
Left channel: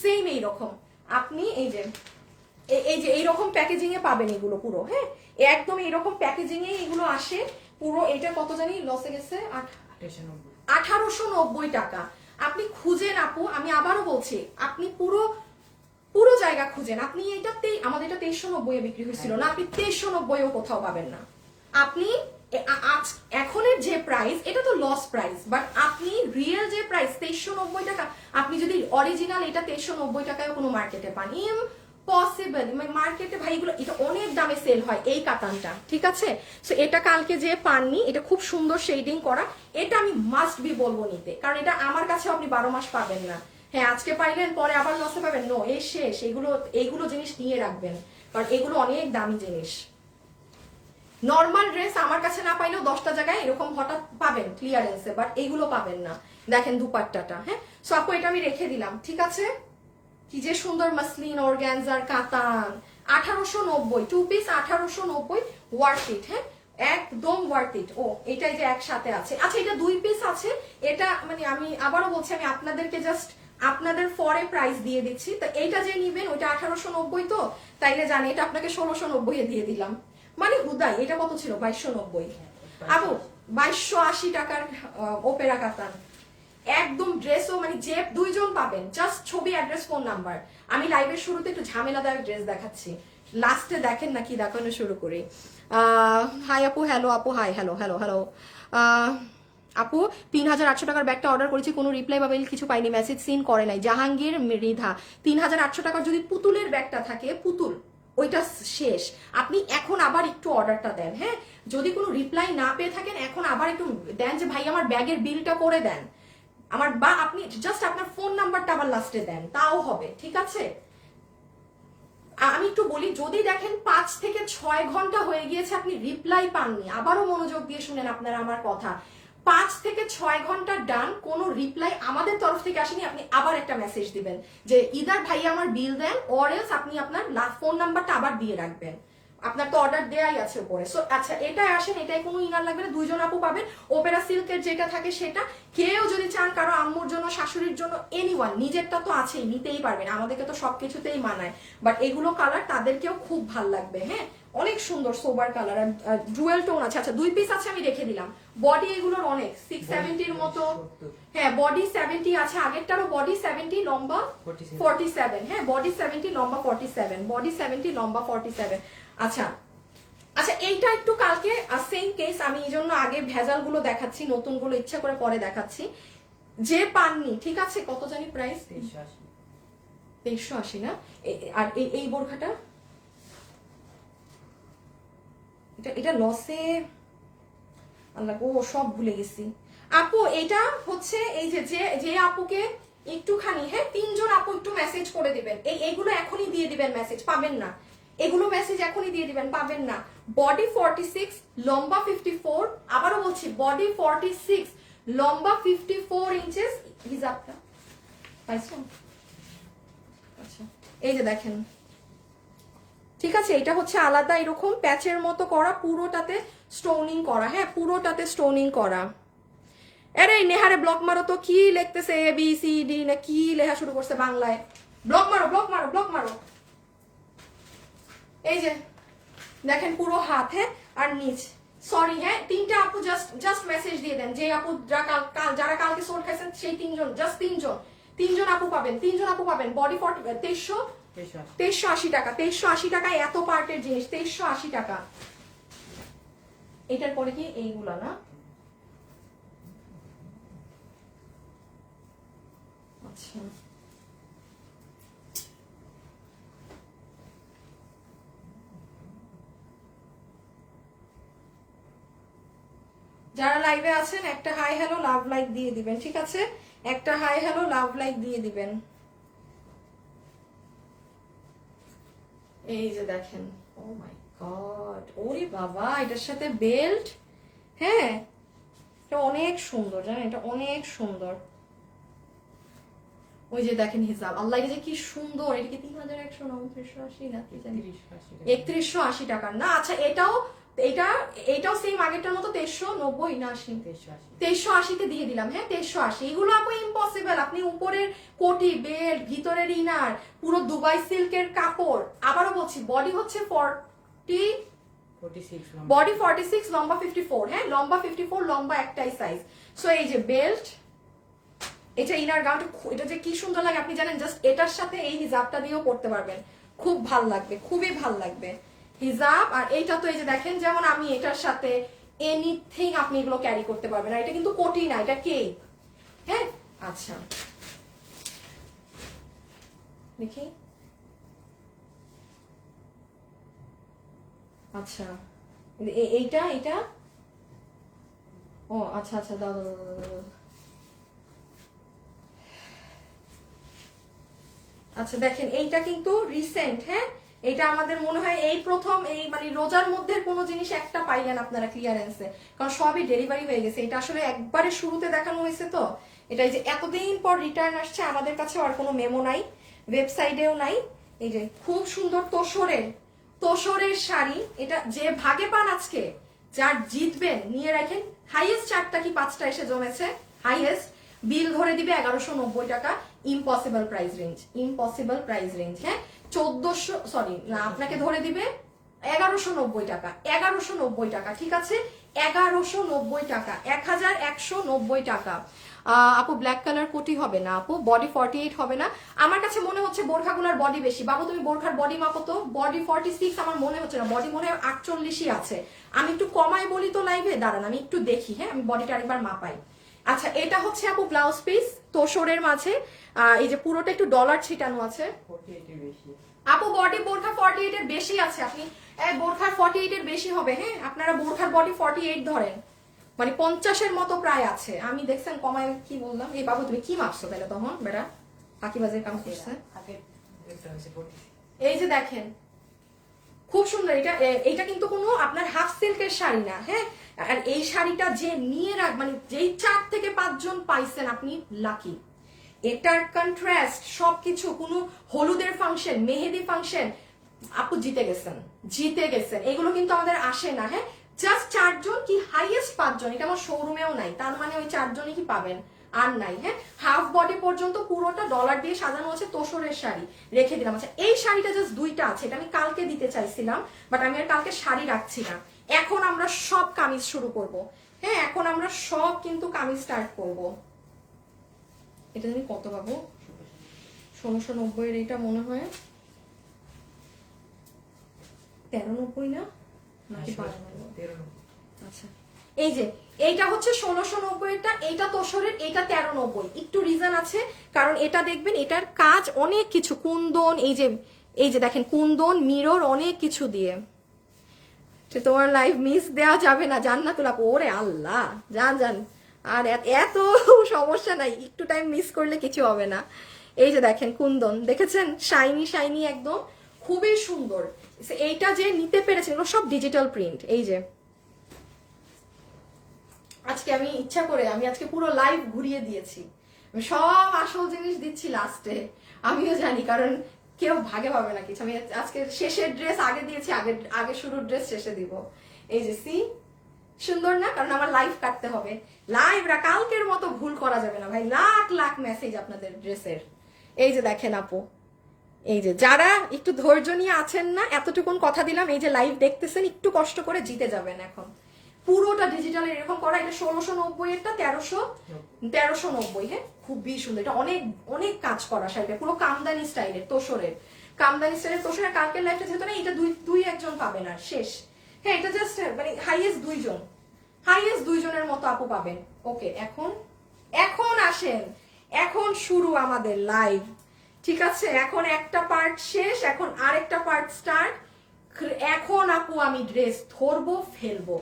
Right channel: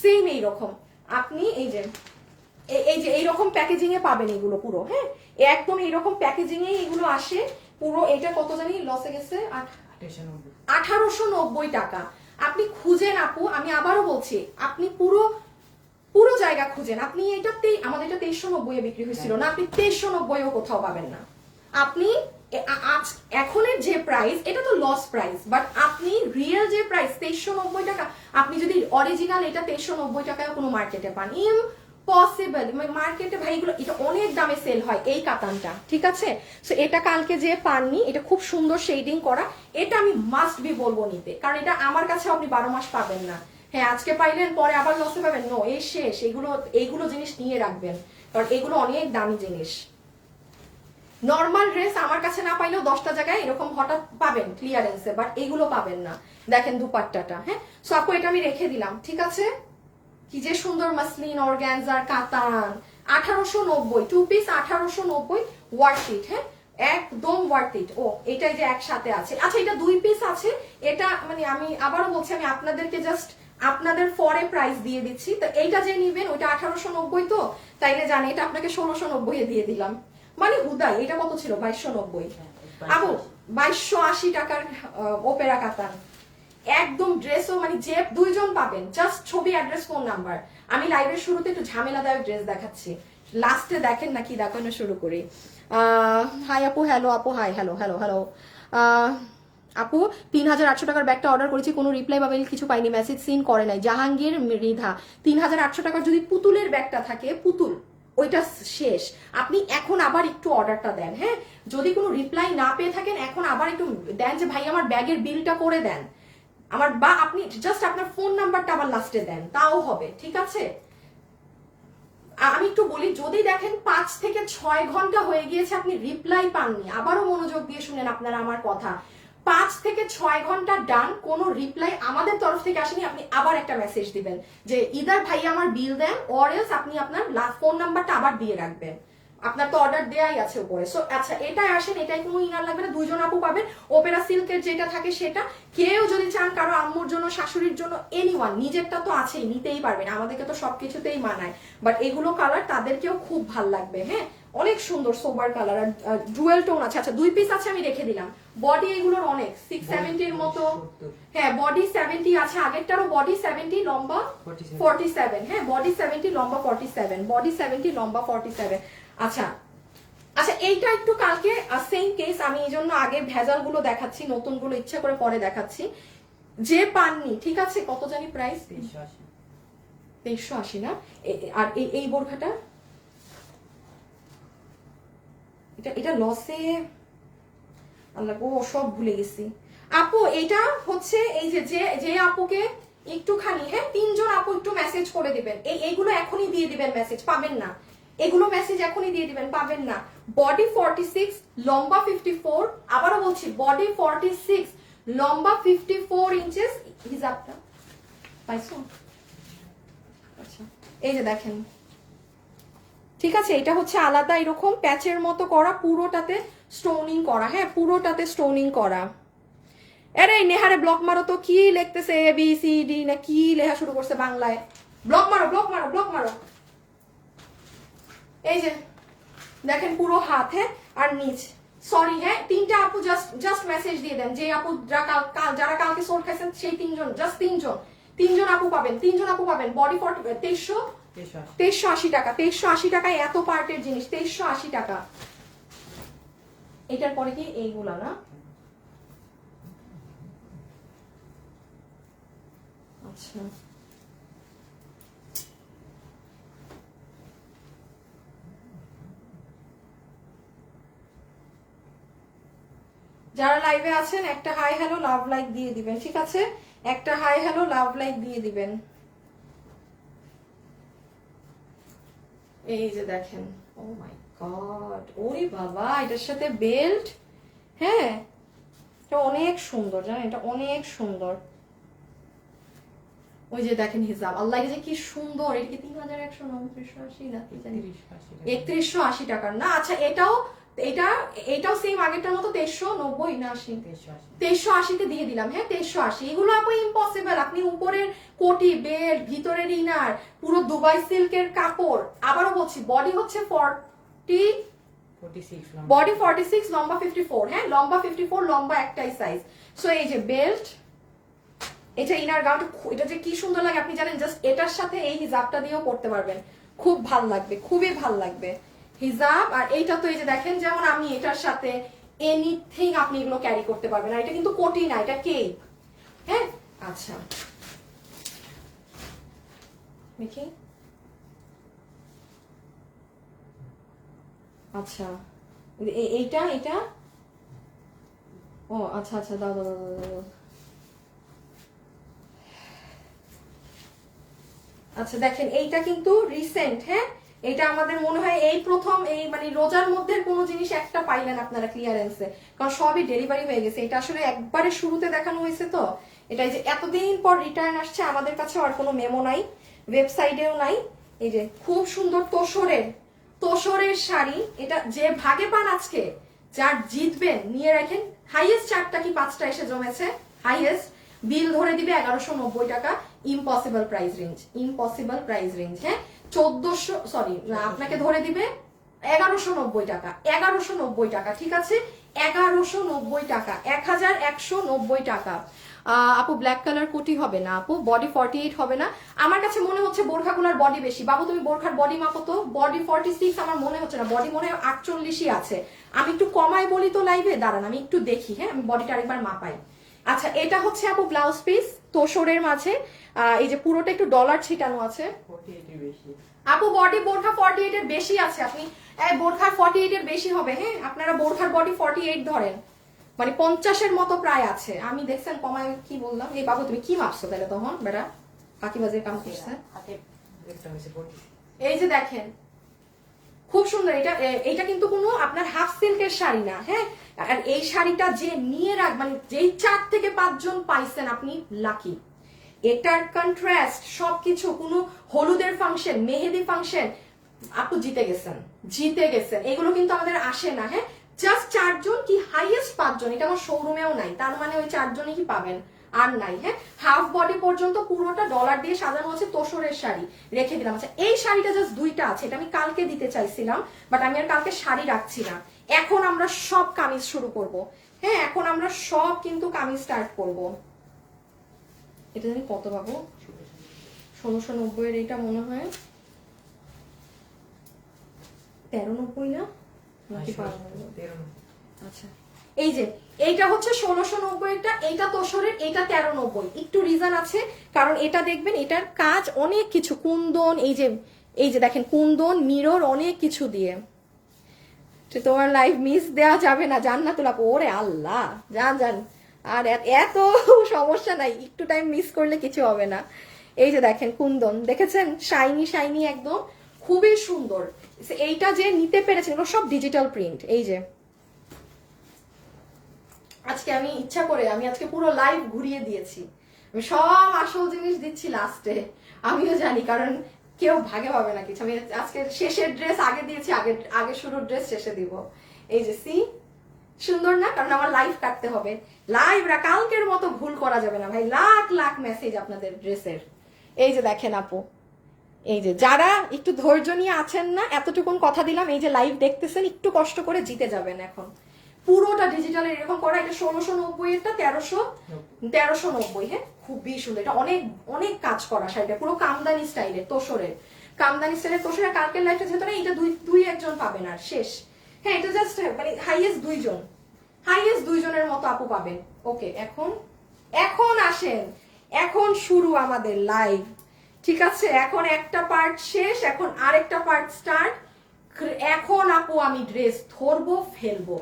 সেম এইরকম আপনি এই যে এইরকম প্যাকেজিং এ পাবেন এগুলো পুরো। হ্যাঁ একদম এইরকম প্যাকেজিং এ এগুলো আসে পুরো। এটা কত জানি লসে গেছে, 1890 টাকা। আপনি খুঁজেন আপু, আমি আবারও বলছি, আপনি পুরো জায়গা খুঁজেন, আপনি এটাতেই, আমাদের এটা 2390 এ বিক্রি হয়েছিল না, আপনি 2390 কোথাও পাবেন না। আপনি এখনের যে প্রাইস, এটা তো লস প্রাইস, বাট আপনি রিয়েল যে প্রাইস 2390 টাকা, আপনি যদি অরিজিনাল এটা 2390 টাকায় কোনো মার্কেটে পান, পসিবল মার্কেটে ভাই এগুলো এটা অনেক দামে সেল হয় এই কাতানটা, ঠিক আছে? সো এটা কালকে যে পাননি, এটা খুব সুন্দর শেডিং করা, এটা আমি মাস্ট বি বলবো নিতে, কারণ এটা আমার কাছে আপনি 12 মাস পাবেন না। হ্যাঁ আজকে পাইলেন পরে আবার লসে পাবেন, নো, এই শেষ। এইগুলো জিনিস নিয়ে রাখবেন, কারণ এগুলো অনেক দামি জিনিস। নর্মাল ড্রেস আমার কাছে না পাইলেও 10টা জায়গায় এরকম হঠাৎ পাবেন ক্লিয়ারেন্সে, বাট এইগুলো পাবেন না। দেখেন দুপাট্টাটা, হ্যাঁ সো আপু এটা আমি রেখে দিলাম, ঠিক আছে? কি যে সুন্দর মাসলিন অর্গানজার কাতান, 1890 টু পিস, 1890 ওয়ার্থ ইট, হ্যাঁ একদম ওয়ার্থ ইট। ও এটাই যে একসাথে আছে, আচ্ছা এটা 2 পিস আছে। এটা মানে আমি আবারও বলছি, আমি আপনাদেরকে জাস্ট আপনাদের ফরে প্রাইস দিয়ে দিচ্ছি। তো এইটা যে নিবেন ওইটা 1890, তো তাইলে জানি এটা আপনাকে 1690 এ দিয়ে দিলাম, মানে হুদাই। এটা কত ছিল? 2290। আবু 2280 টাকার ওপেরা কাতান, একদম ড্রেসও মানে যে 2 জন পাবেন, জাস্ট ছবি, অ্যাড্রেস, ফোন নাম্বার। আমি লাইভের শুরুতে একটু ঝামেলাদায়ক ড্রেস দেখাচ্ছি, লাস্টে দেখেন না কি দেখানো শুরু করি। হাই আপু, হ্যালো আপু, হাই, হ্যালো হ্যালো হ্যালো। আপু 3800 টাকার ব্যাগটা অর্ডার করেছি, কোনো রিপ্লাই বা মেল কিছু পাইনি, মেসেজ সিন করে নাই। জাহাঙ্গীর মৃধা, 3800 টাকার যদি পুতুলের ব্যাগটা থাকে, পুতুল ওইটা শেষ। আপনি এখন আবার একটু অর্ডারটা দেন, হ্যাঁ যদি কোনো রিপ্লাই না পেয়ে থাকেন এখন আবার একটু দেন যে ভাই আমার ব্যাগের বিলটা করে দেন আমার, বা আপনি জাস্ট আপনার ফোন নাম্বারটা আবার লাস্টে দেন, তাও হবে, ঠিক আছে? আমি একটু বলি, যদি দেখেন 5 থেকে 6 ঘন্টা হয়ে গিয়েছে আপনি রিপ্লাই পাননি, আবারও মনোযোগ দিয়ে শুনেন আপনারা আমার কথা, 5 থেকে 6 ঘন্টা ডান, কোনো রিপ্লাই আমাদের তরফ থেকে আসেনি, আপনি আবার একটা মেসেজ দিবেন যে ইদার ভাই আমার বিল দেন, অর এলস আপনি আপনার ফোন নাম্বারটা আবার দিয়ে রাখবেন। আপনার তো অর্ডার দেয়াই আছে উপরে। সো আচ্ছা এটাই আসেন, এটাই কোনো ইনার লাগবে না, 2 জন আপু পাবেন। ওপেরা সিল্কের যেটা থাকে সেটা, কেউ যদি চান কারো আম্মুর জন্য, শাশুড়ির জন্য, এনিওয়ান, নিজেরটা তো আছেই, নিতেই পারবেন, আমাদেরকে তো সবকিছুতেই মানায়, বাট এগুলো কালার তাদেরকেও খুব ভাল লাগবে। হ্যাঁ অনেক সুন্দর সোবার কালার, আর ডুয়েল টোন আছে। আচ্ছা 2 পিস আছে, আমি রেখে দিলাম। বডি এগুলোর অনেক 670 এর মতো, হ্যাঁ বডি 70 আছে, আগেরটারও বডি 70, লম্বা 47, হ্যাঁ বডি 70, লম্বা 47, বডি 70, লম্বা 47। আচ্ছা আচ্ছা এইটা একটু কালকে সেম কেস, আমি এই জন্য আগে ভেজাল গুলো দেখাচ্ছি, নতুন গুলো ইচ্ছা করে পরে দেখাচ্ছি। যে পাননি, ঠিক আছে, কত জানি প্রাইস? 2380 না? আর এই বোরখাটা, এটা লসে, আল্লাহ গো সব ভুলে গেছি। আপু এটা হচ্ছে এই যে আপুকে একটুখানি, হ্যাঁ 3 জন আপু একটু মেসেজ করে দিবেন, এইগুলো এখনই দিয়ে দিবেন, মেসেজ পাবেন না, এগুলো মেসেজ এখনই দিয়ে দিবেন, পাবেন না। বডি 46, লম্বা 54, আবারও বলছি বডি 46, লম্বা 54 ইঞ্চেস, হিজাবটা পাইছো? আচ্ছা এই যে দেখেন, ঠিক আছে, এটা হচ্ছে আলাদা এরকম প্যাচের মতো করা, পুরোটাতে স্টোনিং করা, হ্যাঁ পুরোটাতে স্টোনিং করা। আরে নেহারে ব্লক মারো তো, কি লিখতেছে এ বি সি ডি না কি লেখা শুরু করছে বাংলায়, ব্লক মারো ব্লক মারো ব্লক মারো। এই যে দেখেন পুরো হাত, হ্যাঁ আর নিচ, সরি হ্যাঁ 3টা আপু জাস্ট মেসেজ দিয়ে দেন, যে আপু যারা কালকে সোল খাইছেন সেই 3 জন, জাস্ট 3 জন আপু পাবেন, 3 জন আপু পাবেন। বডি 2380 টাকা, 2380 টাকায় এত পার্টের জিনিস, 2380 টাকা। এটার পরে কি এইগুলা না? আচ্ছা যারা লাইভে আছেন একটা হাই হ্যালো লাভ লাইক দিয়ে দিবেন, ঠিক আছে? একটা হাই হ্যালো লাভ লাইক দিয়ে দিবেন। এই যে দেখেন, ও মাই গড, ওরে বাবা, এটার সাথে বেল্ট, হ্যাঁ এটা অনেক সুন্দর, জানেন এটা অনেক সুন্দর। ওই যে দেখেন হিজাব, আল্লাহ যে কি সুন্দর, এটা কি 3180 না কি জানি, 3180 টাকার না? আচ্ছা এটাও সেম আগেরটার মতো 2390 না 80, 2380 দিয়ে দিলাম, হ্যাঁ 2380। এগুলো আপু ইম্পসিবল, আপনি উপরের কোটি, বেল্ট, ভিতরের ইনার, পুরো দুবাই সিল্কের কাপড়। আবারও বলছি বডি হচ্ছে 46, বডি 46, লম্বা 54, হ্যাঁ লম্বা 54, লম্বা একটাই সাইজ। সো এই যে বেল্ট, এটা ইনার গাউনটা, এটা যে কি সুন্দর লাগে আপনি জানেন, জাস্ট এটার সাথে এই হিজাবটা দিয়েও পড়তে পারবেন, খুব ভাল লাগবে, খুবই ভাল লাগবে হিজাব। আর এইটা তো এই যে দেখেন, যেমন আমি এটার সাথে এনিথিং আপনি এগুলো ক্যারি করতে পারবেন, আর এটা কিন্তু কোটি না, এটা কেক, হ্যাঁ। আচ্ছা দেখি আচ্ছা এইটা এটা, ও আচ্ছা আচ্ছা, দাও দাও দাও দাও। আচ্ছা দেখেন এইটা কিন্তু রিসেন্ট, হ্যাঁ এটা আমাদের মনে হয় এই প্রথম, এই মানে রোজার মধ্যে কোনো জিনিস একটা পাইলেন আপনারা ক্লিয়ারেন্সে, কারণ সবই ডেলিভারি হয়ে গেছে। এটা আসলে একবারে শুরুতে দেখানো হয়েছে তো, এটা এই যে এতদিন পর রিটার্ন আসছে, আমাদের কাছে আর কোনো মেমো নাই, ওয়েবসাইটেও নাই। এই যে খুব সুন্দর তোষরের শাড়ি, এটা যে ভাগে পান আজকে, যার জিতবেন নিয়ে রাখেন। হাইয়েস্ট 4টা কি 5টা এসে জমেছে, হাইয়েস্ট বিল ধরে দিবে 1190 টাকা। Impossible price range, impossible price range, হ্যাঁ 1400, সরি আপনাকে ধরে দিবে 1190 টাকা, 1190 টাকা, ঠিক আছে 1190 টাকা, 1190 টাকা। আপু ব্ল্যাক কালার কোটি হবে না আপু, বডি 48 হবে না। আমার কাছে মনে হচ্ছে বোরখাগুলোর বডি বেশি। বাবু তুমি বোরখার বডি মাপো তো, বডি 46 আমার মনে হচ্ছে না, বডি মনে হয় 48ই আছে। আমি একটু কমাই বলি তো লাইভে, দাঁড়ান আমি একটু দেখি, হ্যাঁ আমি বডিটা আরেকবার মাপাই। আচ্ছা এটা হচ্ছে আপু ব্লাউজ পিস তোষরের মাঝে, এই যে পুরোটা একটু ডলার ছিটানো আছে। আপু বডি বোরখা 48 এর বেশি আছে, আপনি বোরখার 48 এর বেশি হবে, হ্যাঁ আপনারা বোরখার বডি 48 ধরেন, মানে 50-এর মতো প্রায় আছে। আমি দেখছেন কমায় কি বললাম। এই বাবু তুমি কি মাপছো তাহলে তখন বেটা, ফাঁকিবাজের কাম করছে। এই যে দেখেন খুব সুন্দর, এটা কিন্তু কোনো আপনার হাফ সিল্কের শাড়ি না, হ্যাঁ আর এই শাড়িটা যে নিয়ে মানে যেই 4 থেকে 5 জন পাইছেন আপনি লাকি। এটার কন্ট্রাস্ট সবকিছু, কোনো হলুদের ফাংশন, মেহেদি ফাংশন, আপু জিতে গেছেন, জিতে গেছেন। এগুলো কিন্তু আমাদের আসে না, হ্যাঁ জাস্ট 4 জন কি হাইয়েস্ট 5 জন, এটা আমার শোরুমেও নাই, তার মানে ওই 4 জনই কি পাবেন আর নাই, হ্যাঁ হাফ বডি পর্যন্ত পুরোটা ডলার দিয়ে সাজানো আছে তোষরের শাড়ি, রেখে দিলাম। আচ্ছা এই শাড়িটা জাস্ট 2টা আছে, এটা আমি কালকে দিতে চাইছিলাম বাট আমি আর কালকে শাড়ি রাখছি না। এখন আমরা সব কামিজ শুরু করব, হ্যাঁ এখন আমরা সব কিন্তু কামিজ স্টার্ট করব। এটা জানি কত পাবো, 1690 এর, এটা মনে হয় 1390 না নাকি 1290? আচ্ছা এই যে এইটা হচ্ছে 1690 টা, এইটা তোষরের, এইটা 1390। একটু রিজন আছে, কারণ এটা দেখবেন এটার কাজ অনেক কিছু, কুন্দন, এই যে দেখেন কুন্দন মিরর অনেক কিছু দিয়ে। তোমার লাইভ মিস দেওয়া যাবে না, জান্নাতুল আপু, ওরে আল্লাহ জান আর এত সমস্যা নাই, একটু টাইম মিস করলে কিছু হবে না। এই যে দেখেন কুন্দন, দেখেছেন শাইনি শাইনি একদম, খুবই সুন্দর। এইটা যে নিতে পেরেছেন এগুলো সব ডিজিটাল প্রিন্ট। এই যে আজকে আমি ইচ্ছা করে আমি আজকে পুরো লাইভ ঘুরিয়ে দিয়েছি, আমি সব আসল জিনিস দিচ্ছি লাস্টে, আমিও জানি কারণ কেউ ভাগে পাবে না কিছু। আমি আজকে শেষের ড্রেস আগে দিয়েছি, আগে শুরুর ড্রেস শেষে দিব। এই যে সি সুন্দর না, কারণ আমার লাইভ কাটতে হবে, লাইভরা কালকের মতো ভুল করা যাবে না ভাই, লাখ লাখ মেসেজ আপনাদের ড্রেসের। এই যে দেখেন আপু, এই যে যারা একটু ধৈর্য নিয়ে আছেন না, এতটুকুন কথা দিলাম, এই যে লাইভ দেখতেছেন একটু কষ্ট করে জিতে যাবেন। এখন পুরোটা ডিজিটাল এরকম করা, এটা 1690 এরটা 1390, হ্যাঁ খুবই সুন্দর। এটা অনেক অনেক কাজ করা শাড়িটা, পুরো কামদানি স্টাইলের তোষরের, কামদানি স্টাইলের তোষরের। কালকের লাইফটা যেহেতু না, এটা দুই একজন পাবেন আর শেষ, হ্যাঁ এটা জাস্ট মানে হাইয়েস্ট 2 জন, হাইয়েস্ট 2 জনের মতো আপু পাবেন। ওকে এখন আসেন, এখন শুরু আমাদের লাইভ, ঠিক আছে এখন একটা পার্ট শেষ, এখন আরেকটা পার্ট স্টার্ট। এখন আপু আমি ড্রেস ধরবো ফেলবো,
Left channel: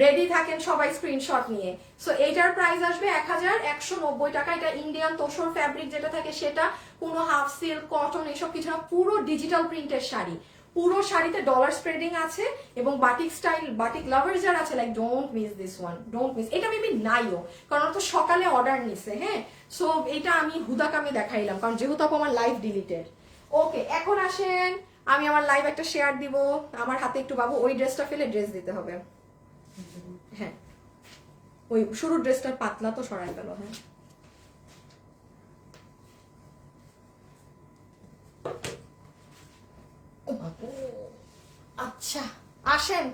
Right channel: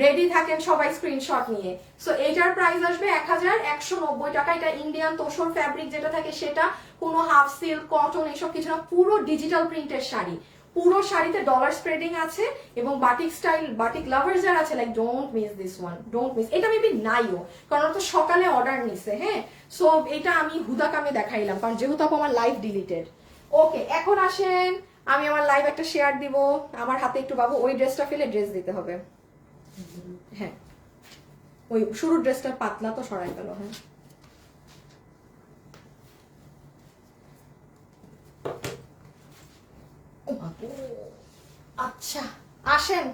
রেডি থাকেন সবাই স্ক্রিনশট নিয়ে। সো এইটার প্রাইস আসবে 1190 টাকা। এটা ইন্ডিয়ান তোষর ফ্যাব্রিক যেটা থাকে সেটা, কোনো হাফ সিল্ক কটন এসব কিছু না, পুরো ডিজিটাল প্রিন্টের শাড়ি, পুরো শাড়িতে ডলার স্প্রেডিং আছে এবং বাটিক স্টাইল, বাটিক লাভার্স যারা আছে like don't miss this one, don't miss. এটা মেবি নাইও, কারণ তো সকালে অর্ডার নিছে, হ্যাঁ সো এটা আমি হুদাকামে দেখাইলাম, কারণ যেহেতু আপু আমার লাইভ ডিলিটেড। ওকে এখন আসেন, আমি আমার লাইভ একটা শেয়ার দিব, আমার হাতে একটু বাবু ওই ড্রেসটা ফেলে ড্রেস দিতে হবে, হ্যাঁ ওই শুরুর ড্রেসটা পাতলা তো সরাই গেল, হ্যাঁ আচ্ছা আসেন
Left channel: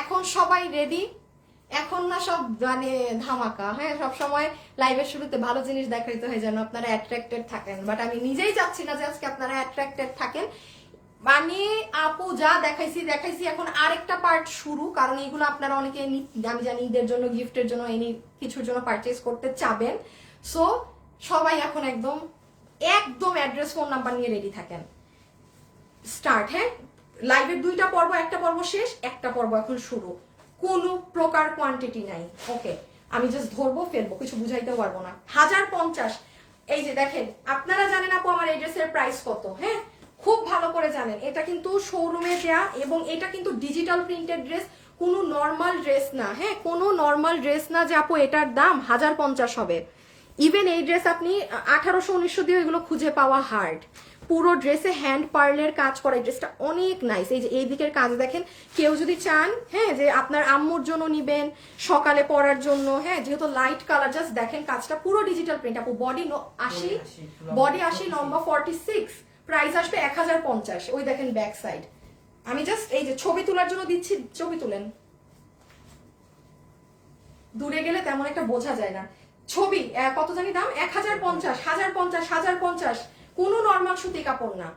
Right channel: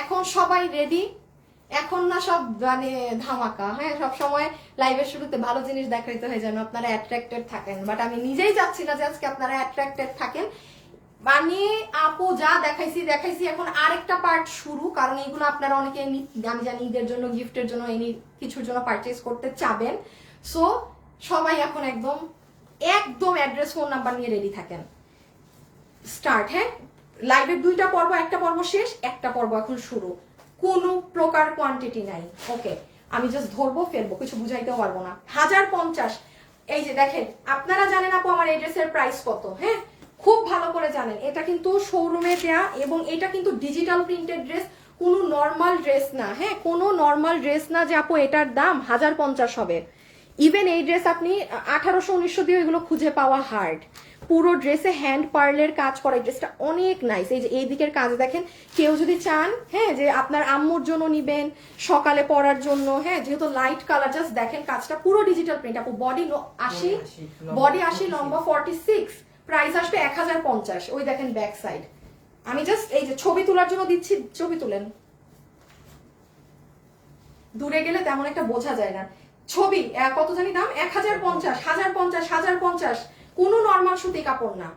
এখন সবাই রেডি। এখন না সব মানে ধামাকা, হ্যাঁ সব সময় লাইভের শুরুতে ভালো জিনিস দেখাইতে হয় যেন আপনারা অ্যাট্রাক্টেড থাকেন, বাট আমি নিজেই চাচ্ছি না যে আজকে আপনারা অ্যাট্রাক্টেড থাকেন। মানে আপু যা দেখাইছি, এখন আরেকটা পার্ট শুরু, কারণ এগুলো আপনারা অনেকে আমি জানি ঈদের জন্য, গিফটের জন্য, এনি কিছুর জন্য পারচেজ করতে চাবেন। সো সবাই এখন একদম অ্যাড্রেস ফোন নাম্বার নিয়ে রেডি থাকেন, স্টার্ট, হ্যাঁ লাইভের 2টা পর্ব, একটা পর্ব শেষ, একটা পর্ব এখন শুরু, কোনো প্রকার কোয়ান্টিটি নাই। ওকে, আমি জাস্ট ধরবো ফেলবো, কিছু বুঝাইতেও পারবো না। 1050। এই যে দেখেন, আপনারা জানেন আপু আমার এই ড্রেসের প্রাইস কত, হ্যাঁ খুব ভালো করে জানেন। এটা কিন্তু শোরুমে দেয়া এবং এটা কিন্তু ডিজিটাল প্রিন্টেড ড্রেস, কোনো নর্মাল ড্রেস না, হ্যাঁ কোনো নর্মাল ড্রেস না যে আপু এটার দাম 1050 হবে। ইভেন এই ড্রেস আপনি 1800-1900 দিয়ে এগুলো খুঁজে পাওয়া হার্ড। পুরো ড্রেসে হ্যান্ড পার্লের কাজ করা, ড্রেসটা অনেক নাইস। এই যে এই দিকের কাজ দেখেন, কেউ যদি চান হ্যাঁ যে আপনার আম্মুর জন্য নিবেন, সকালে পরার জন্য, হ্যাঁ যেহেতু লাইট কালার, জাস্ট দেখেন কাজটা পুরো ডিজিটাল প্রিন্ট আপু। বডি 80, বডি 80, লম্বা 46, প্রাইস আসবে 1050। ওই দেখেন ব্যাক সাইড। আমি জাস্ট এই যে ছবি তোলার জন্য দিচ্ছি, ছবি তুলেন, দূরে গেলে তেমন একটা বোঝা যায় না। ছবি কত জানি দাম, 1050, 1050। কোনো নর্মাল সুতি কাপড় না।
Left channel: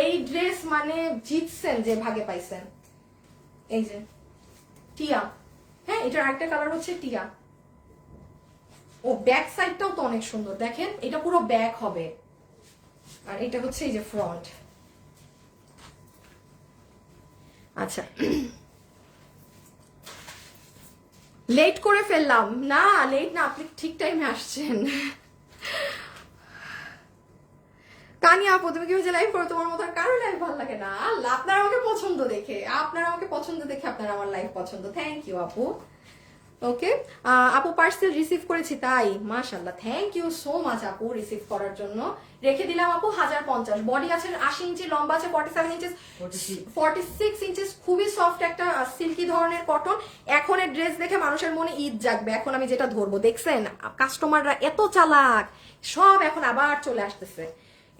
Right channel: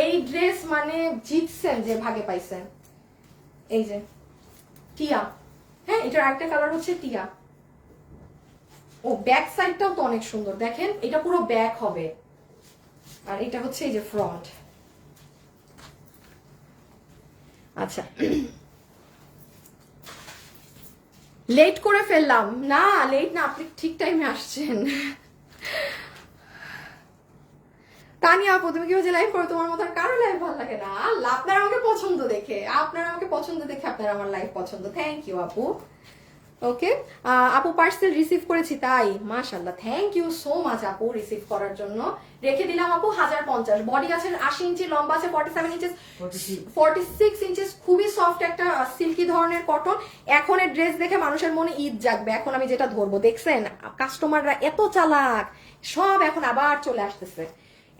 এই ড্রেস মানে জিতছেন যে ভাগে পাইছেন। এই যে টিয়া, হ্যাঁ এটার আরেকটা কালার হচ্ছে টিয়া। ও ব্যাক সাইডটাও তো অনেক সুন্দর, দেখেন এটা পুরো ব্যাক হবে, আর এটা হচ্ছে এই যে ফ্রন্ট। আচ্ছা লেট করে ফেললাম না, লেট না, আপনি ঠিক টাইমে আসছেন। তানিয়া আপু তুমি কি হচ্ছে লাইভ করো, তোমার মতো কারো লাইভ ভালো লাগে না। আল্লাহ, আপনার আমাকে পছন্দ দেখে, আপনার আমাকে পছন্দ দেখে আপনার আমার লাইভ পছন্দ। থ্যাংক ইউ আপু। ওকে আপু পার্সেল রিসিভ করেছি তাই, মাশাআল্লাহ, থ্যাংক ইউ সো মাচ আপু রিসিভ করার জন্য। রেখে দিলাম আপু 1050। বডি আছে 80 ইঞ্চি, লম্বা আছে 47 ইঞ্চি, 46 ইঞ্চিস। খুবই সফট একটা সিল্কি ধরনের কটন। এখন এর ড্রেস দেখে মানুষের মনে ঈদ জাগবে। এখন আমি যেটা ধরবো, দেখছেন কাস্টমাররা এত চালাক, সব এখন আবার চলে আসতেছে।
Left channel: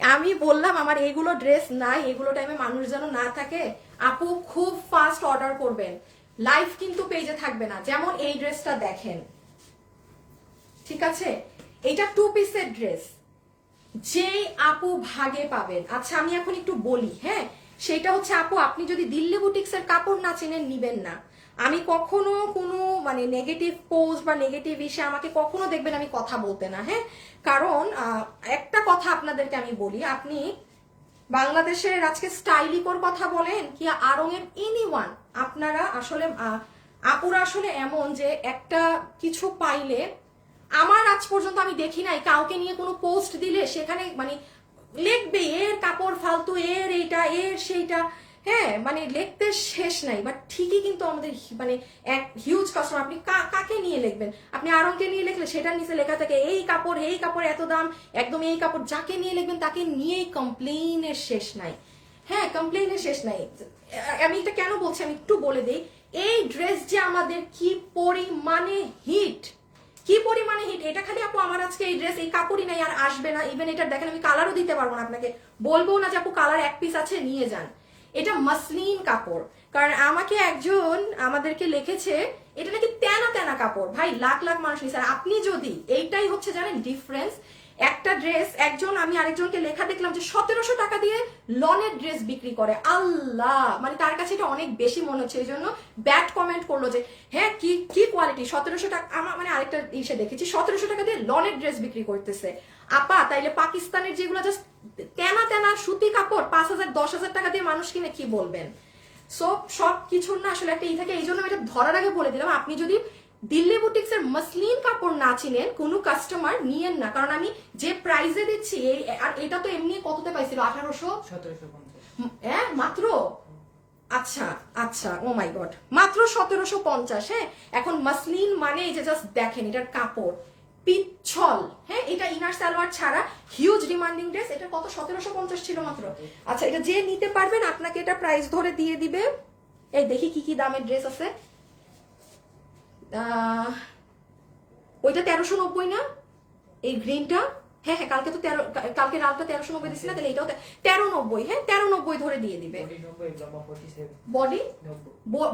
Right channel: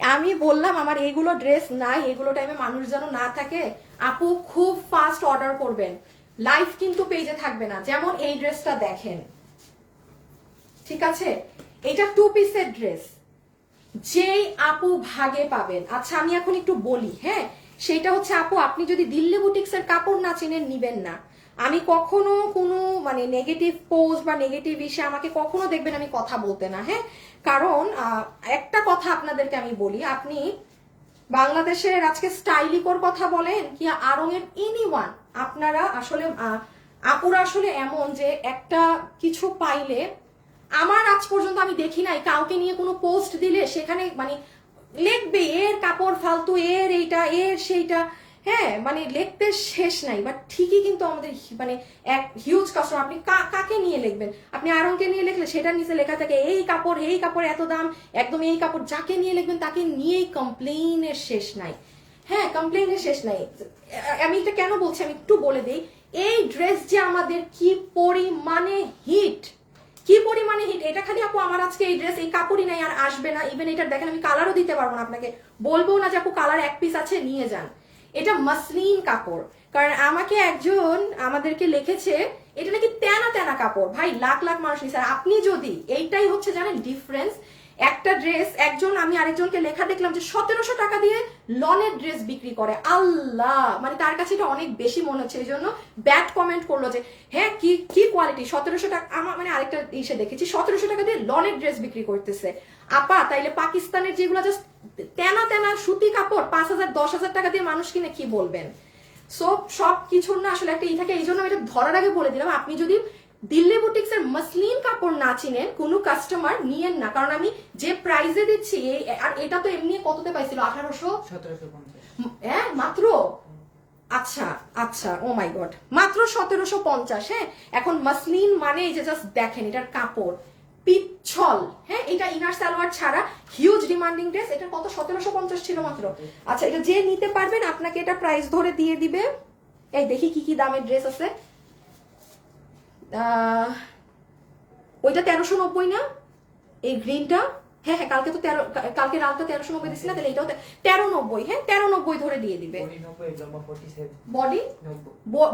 আমি বললাম আমার এইগুলো ড্রেস নাই, এগুলো টাইমে মানুষ যেন না থাকে। আপু খুব ফাস্ট অর্ডার করবেন, লাইভ কিন্তু পেজে থাকবে না। যেমন এই ড্রেসটা দেখেন, ঠিক আছে, এটা 2 পিসের ড্রেস, যেই আপু ভাগে পাবেন। আচ্ছা আমি এখন একটু বলি, হ্যাঁ সেটা হচ্ছে আপু আপনি যদি দিল্লি বুটিক্সের কাপড় না চেনেন নিবেন না। আমি কখনো কোনো মানে নেগেটিভ পোস্ট বা নেগেটিভ ইসে আমাকে কখনো দেখবেন আমি কথা বলতে না, হ্যাঁ কারণ একটা কথা আপনাদেরকে আমি বলি, আপনি বাংলাদেশের আজকে স্টাইলিকোর কথা বলেন কি আরঙের এনিওয়ান, আপনারা আসলে আপুরা আসলে এমন যে একটা কিছু পাইলে, আমার আজ পর্যন্ত আমি দেখি নাই কাউকে নিয়ে কোনো পোস্ট দিলে সেখানে মানে লিখবে এর কাপড় ফালতু, এর এইটা, এর সেইটা, হ্যাঁ মানে লিখতে শেষ নাই। বাট ঠিকই কিন্তু আমাদের মানে এক হিউজ কাস্টমার, আপনি কাকে নিয়ে লিখবেন, আপনি আরংকে নিয়ে লিখলে সেটার নিচে লেখা থাকে এই কাপড় এত দাম, একদম এই কাপড়, যাকে নিয়ে লিখবেন তাকে নিয়েই কমপ্লেইনের শেষ নাই। হ্যাঁ কমপ্লেইনের শেষ নাই। আমি এটা কেন বলছি আমি একটু বলে দিই, এই ড্রেস যে আমাদের কি পরিমাণে হিট, কি পরিমাণে হিট, এটা খালি আপু আমার আজকে এই ড্রেস এই কাপড়ই নাই আর আসবে না। ইভেন এটা দেখেন আমি কালারও দিতে পারবো না আপনাকে, বলবো না যে আপু কালার এক পিস আছে নিয়ে যান। এটা মসলিন কাপড়, কারণ আমাকে একজন আমাদেরকে লিখেছে এটা নাকি তেনা তেনা কাপড়। ভাই লাখ লাখ মানুষ নিছে, আপনি যদি এইটাই হচ্ছে জানেন ডিফারেন্স। একটা ড্রেস একজন, আমি আরেকজনকে লেখা দেখলাম যে 1700 টাকা দিয়ে লনের ড্রেস বিক্রি করে। আল্লাহ, মানে তার কাছে এটা অনেক বেশি মনে হচ্ছে, এই জন্য ব্যাড কমেন্ট করলো যে হ্যাঁ কি কি কোয়ালিটি, 1700 টাকা। আমার মানে আরেকটা ইসে দেখেছি 1700 টাকা দিয়ে লনের ড্রেস বিক্রি করতেছে। আপা তাইলে পাকিস্তানের যেগুলো জাস্ট তেনা তেনা সুতি কাপড় 5000 10,000 টাকা দিয়ে মানুষ কিনে কি বলবেন। সব কিছুর না আসলে একটা ই থাকে, এই জন্য এটা ধরার আগে বলে দিলাম, আপনি যদি দিল্লি বুটিক্স এর মসলিন কাপড় না চিনেন কোনো কাস্টমার নিয়েন না, কারণ আমি যে প্রাইসে দিচ্ছি আর এটা তো এমনি কততে পাইছিল 1800 1750, হ্যাঁ মাত্র। আচ্ছা আচ্ছা, ও মাই গড, মাত্র 1750। হ্যাঁ এখন মসলিন মানে এই যে জাস্ট দেখেন এটার কাপড় পিচ্ছল, হ্যাঁ এটা ইনার সালোয়ার ছাড়া হিউজ ডিমান্ডিং ড্রেস। এটা কত 1750 ছিল মাত্র। আচ্ছা এটা যে নিতে পারবেন আপনাকে এটা প্রাইস ধরে দিয়ে দিবে। এই দেখি কি কি দামের ড্রেস আছে। ওইটা 1390 না, এই গ্রিনটা, হ্যাঁ হ্যাঁ কালকে তো কালকে রাতটা 1390 দিচ্ছি না, তাহলে এটাও 1390, হ্যাঁ 1390 ধরে দিয়ে দিবে।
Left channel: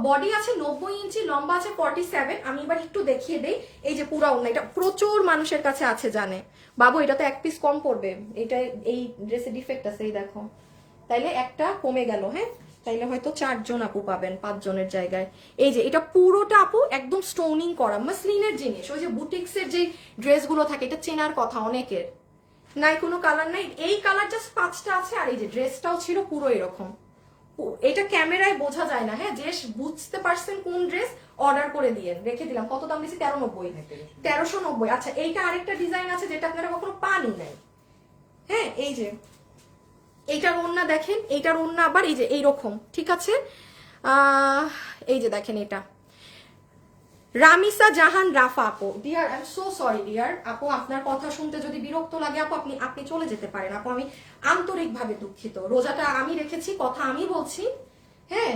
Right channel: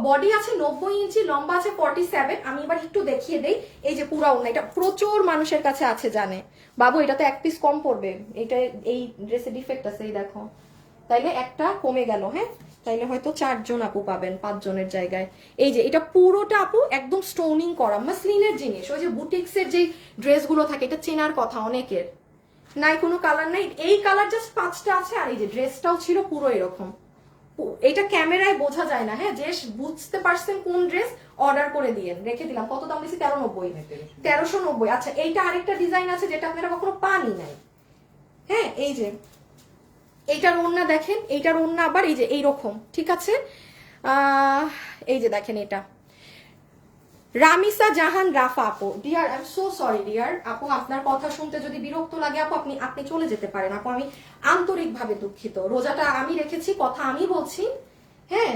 বডি আছে 90 ইঞ্চি, লম্বা আছে 47। আমি এবার একটু দেখিয়ে দেই, এই যে পুরা ওড়না, এটা প্রচুর মানুষের কাছে আছে জানে। বাবু এটা তো এক পিস কম পড়বে, এটা এই ড্রেসে ডিফেক্ট আছে, এই দেখো, তাইলে একটা কমে গেল। হ্যাঁ তাইলে হয়তো 4 জন আপু পাবেন 5 জনের জায়গায়। এই যে এটা পুরোটা আপু একদম স্টোনিং করা মসলিনের জিনিস, ওই যে বুটিক্সের যে ড্রেসগুলো থাকে এটা চেনার কথা অনেকের। নাই কোনো কালার নাই, এই কালার জাস্ট 5টা আছে। আর এই যে ড্রেসটাও ছিল পুরো এরকম, এটা ক্যামেরায় বোঝা যায় না, হ্যাঁ, যে বুঝতে পারছেন কোন ড্রেস অর্ডার করে দিয়েন। রেখে দিলাম, কত দাম দিচ্ছি? 1390। 1390। আচ্ছা, এইটা আরেকটা ডিজাইন আছে যেটা আপনারা কখনো পানি নাই, হ্যাঁ, এই যে এইটার ওড়না দেখেন, এইটার ওড়না আবার এই যে এইরকম, ঠিক আছে। এই যে দেখেন, এটা রামিসা জাহান রাফা আপু। Dear, I am so sorry dear আপু, আপনার কথা শুনতে যদি বিরক্ত লাগে আপু, আপনি চলে যেতে পারেন আপু, আমি আন্তরিকভাবে দুঃখিত। রোজাটা আমি রেখেছি, কথা আমি বলছি, হ্যাঁ।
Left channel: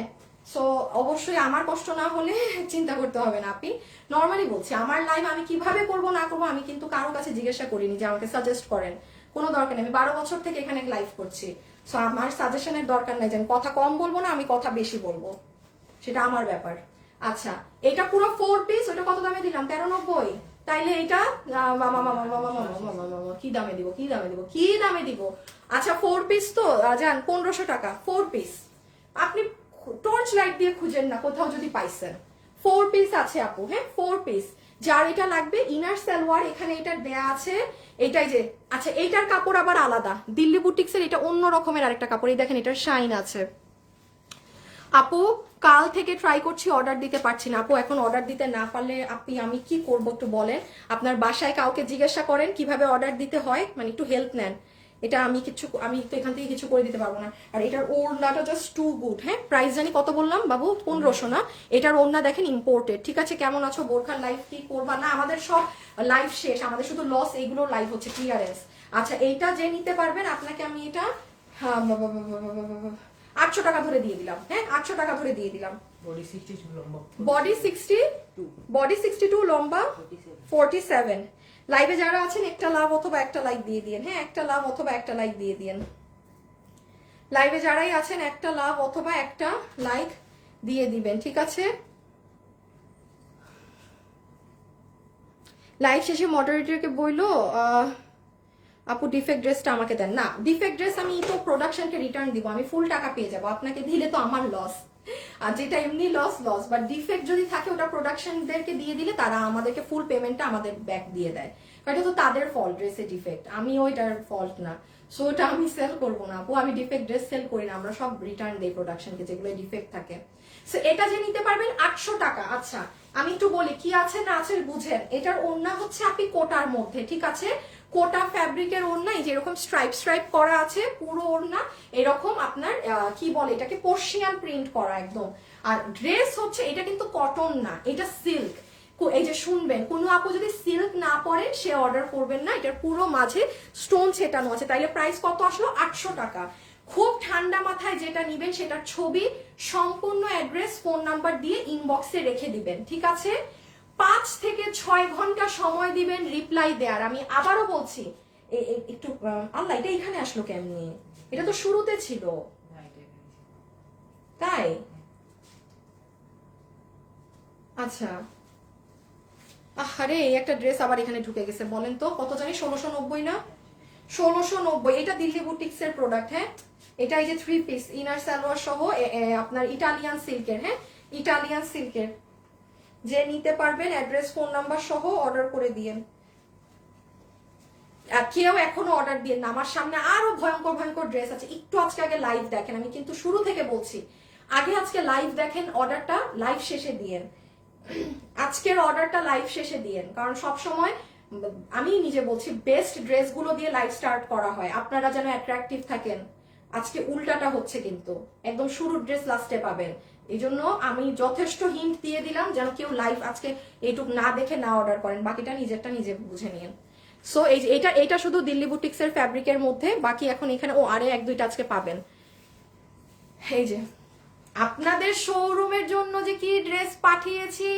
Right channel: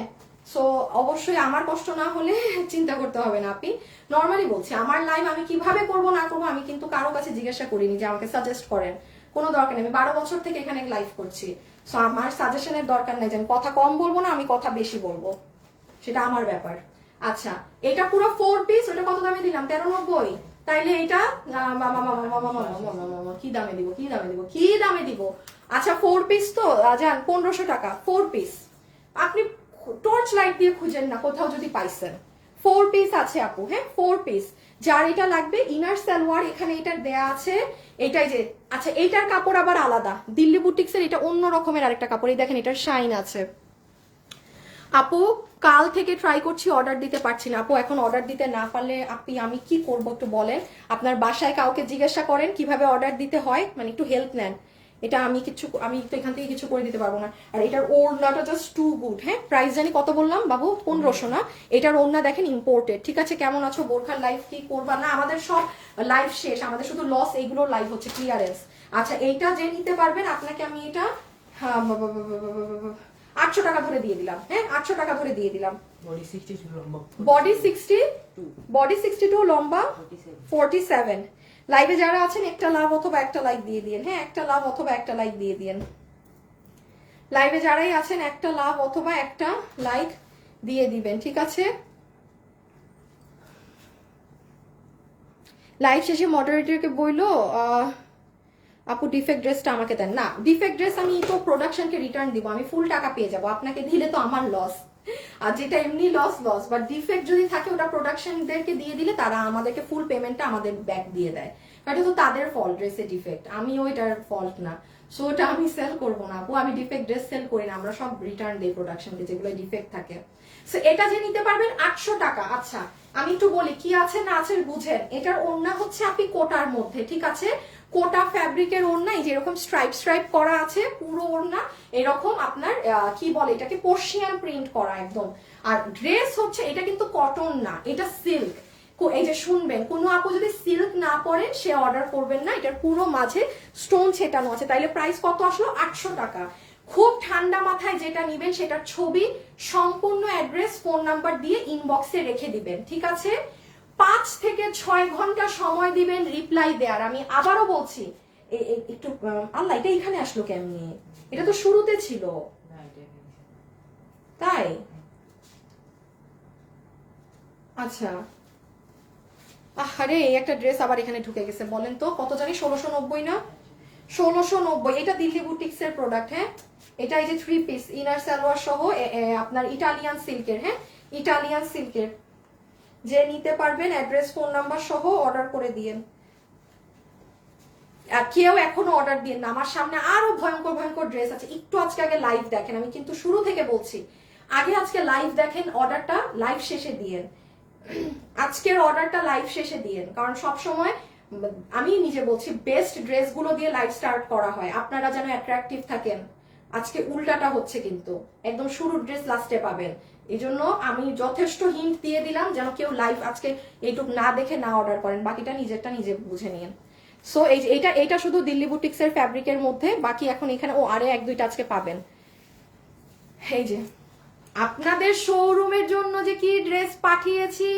সো অবশ্যই আমার কষ্ট না হলে চিন্তা করতে হবে না। আপনি নর্মালি বলছি, আমার লাইভ আমি কিভাবে করবো না করবো আমি কিন্তু কারো কাছে জিজ্ঞাসা করিনি যে আমাকে সাজেস্ট করেন, কোনো দরকার নেই। আমি 12 বছর থেকে এখানে লাইভ করছি, সো আমার সাজেশনের দরকার নেই যে আমি কথা কম বলবো না, আমি কথা বেশি বলবো, সেটা আমার ব্যাপার। আচ্ছা, এটা পুরো 4 পিস, ওটা কত দামে দিলাম? 1390। তাইলে এটা কি দামে দিব, কি দামে দিব, কি দামে দিব? আচ্ছা, 4 পিস তো যান 1500 টাকা 4 পিস। আপনি টর্চ লাইট দিয়ে খুঁজেন না কোথাও যদি পাইছেন। 4 পিস আছে আপু, হ্যাঁ 4 পিস। যার এটা লাগবে, ইনার সালোয়ার এখানে এটা দেয়া আছে, এইটাই যে। আচ্ছা, এইটার কাপড় আবার আলাদা, দিল্লি বুটিক্সের এটা অন্য রকমের আরেকটা কাপড়। এই দেখেন, এটার শাইন আছে। আপু কাল থেকে ট্রাই করছি, অর্ডার দিতে পারছি না আপু। এখন অর্ডার দিতে না পারলে আমি কি করব একটু বলেন। আপনার বাসায় কাউকে জিজ্ঞাসা করেন কিভাবে অর্ডার দিতে হয়, মানে একটু হেল্প নেন। এটা আমি তো এখান থেকে কিছু করে দিতে পারবো না। আর এটার ওড়নাটা জাস্ট টু গুড, হ্যাঁ। প্রাইস জানি কত বললাম বাবু? 1500 না? এটার ওড়না দেখেন ইম্পোর্টেড, ঠিক আছে। কেমন আছো? বোরখার লাইভ কি করবা না? আমাদের সব লাইভ শেষ, আমাদের শুধু লস এইগুলো লাইভ হচ্ছে, ক্লিয়ারেন্স। আচ্ছা, এইটা যে নিতে পারবেন আপনাকে আমি এটা 800 টাকা ধরে দিয়ে দিলাম, হ্যাঁ 800 টাকা ধরে দিয়ে দিলাম। বডি 62 লম্বা, বডি 62 লম্বা 47। লাইভে যারা আছেন একটা লাভ অথবা একটা লাইক দিয়ে দিন, হ্যাঁ একটা লাভ অথবা একটা লাইক দিয়ে দিন। লাইভে যারাই আছেন একটা লাভ অথবা একটা লাইক দিয়ে দিবেন, ঠিক আছে। লাইভ শেষে মডারেটরকে বললো আপু ডিফেক্ট ড্রেসটা আমাকে দেন। না, ডিফেক্ট ড্রেস আমি তো প্রোডাকশনকে রিটার্ন দিব, আমি ফুল টাকা পেয়ে যাব। আপনাকে দিলে তো আমার লস, আর যেটা এমনি লস, বাট ডিফেক্ট যদি থাকে ওটা প্রোডাকশনদেরকে দিয়ে দিলে তারা আমাদেরকে ফুল পেমেন্টটা আমাদের ব্যাক দিয়ে দেয়। এটা তো তাদের ফল্ট, ড্রেসের ডিফেক্ট, আমি ওইটার ফল্ট না। সো ওটা আমি সেল করবো না আপু, আমি ডিফেক্ট ড্রেস সেল করি না, আমরা সব রিটার্ন দিই প্রোডাকশনকে যেগুলো ডিফেক্ট থাকে। সো এটা যে নিতে পারবেন 800 টাকা। আচ্ছা, আমি একটু বলি কি আছে না আছে বুঝেন। এটার ওড়না হচ্ছে আপনি কোটার মধ্যে, ঠিক আছে, কোটা ফ্যাব্রিকের ওড়না, এই যেরকম স্ট্রাইপ করা আছে পুরো ওড়না, এরকম আপনার কি বলে এটাকে, পার্সিয়ান প্রিন্ট করা একদম। আর ড্রেস হচ্ছে এটা কিন্তু কটন না, এটা সিল্ক। এই যে শুনবেন, কোনো আপু যদি সিল্ক না পরেন সে অর্ডার করবেন না। এটার পুরো মাঝে স্টোন ছেটানো আছে। তাইলে প্রাইস কত আসলো? 800 টাকা। খুব ঠান্ডা মাথায় যেটা নিবেন সেটার ছবি, সম্পূর্ণ অ্যাড্রেস, ফোন নাম্বার দিয়ে ইনবক্সে রেখে দিবেন, ঠিক আছে। 5 থেকে 6 ঘন্টা সময় দিবেন রিপ্লাই দেওয়ার। আমি আবারও বলছি, একটু আল্লাহ, এটা এখানে আসলো কেমনি? এটা তো শুরুতে ছিল, তাই? আচ্ছা, আরে এই একটা ড্রেস আবার এখানে ঢুকে গেছে, বলেন তো কত জানি? 1690 না? 1690। এটা দিল্লি বুটিক্স এর প্রোডাক্ট, হ্যাঁ। এটা এই যে 3 পিস ইনার সালোয়ার সহ আপনার ইটালিয়ান সিল্কের, হ্যাঁ ইটালিয়ান সিল্কের। যে নিতে পারবেন অ্যাড্রেস ফোন নাম্বার সহ অর্ডার করে দিয়েন। আর কেউ এখনো অর্ডার দিয়ে না, আমার সামনে আরো ভয়ঙ্কর ভয়ঙ্কর ড্রেস আছে। একটু আজকে আগে লাইভ দেখেন, আমি কিন্তু শুরু থেকে বলছি, আগে আজকে লাইভ দেখেন, অর্ডারটা লাইভ শেষে দিয়েন। আজকের অর্ডারটা লাইভ শেষে দিয়েন, কারণ সব সময় আমি নিজে বলছি বেস্ট ড্রেসগুলো দিয়ে লাইভ স্টার্ট করা হয়, আপনারা যেন অ্যাট্রাকটিভ থাকেন। আজকে উল্টাটা হচ্ছে, কিন্তু একদম শুরুর ড্রেস লাস্টে পাবেন। এই জন্য আমি যথেষ্ট হিন্ট দিয়ে দিলাম যেন কেউ লাইভ আজকে এইটুক না দেখে না অর্ডার করেন, বাকিটা নিজেরটা নিজে বুঝে নিন। সো এইটা শুধু দিল্লি বুটিক্স এর ফ্যাব্রিকের মধ্যে, বাকি এখন এখানে আরে 1-2টা আজকে পাবেন। এই যে আপনাদের শোরুমের জন্য যে কি ড্রেস পাঠিয়েছি,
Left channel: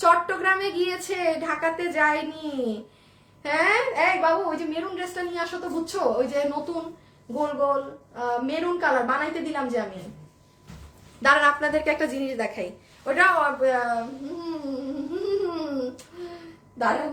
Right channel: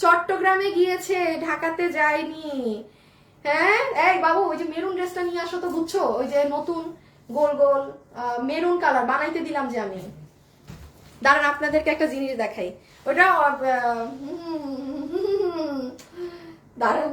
চট্টগ্রামে গিয়েছে, ঢাকাতে যায়নি। হ্যাঁ এই বাবু, ওই যে মেরুন ড্রেসটা নিয়ে আসো তো, বুঝছো, ওই যে নতুন গোল গোল মেরুন কালার বানাইতে দিলাম যে আমি। দাঁড়ান আপনাদেরকে একটা জিনিস দেখাই, ওটা দাঁড়ান,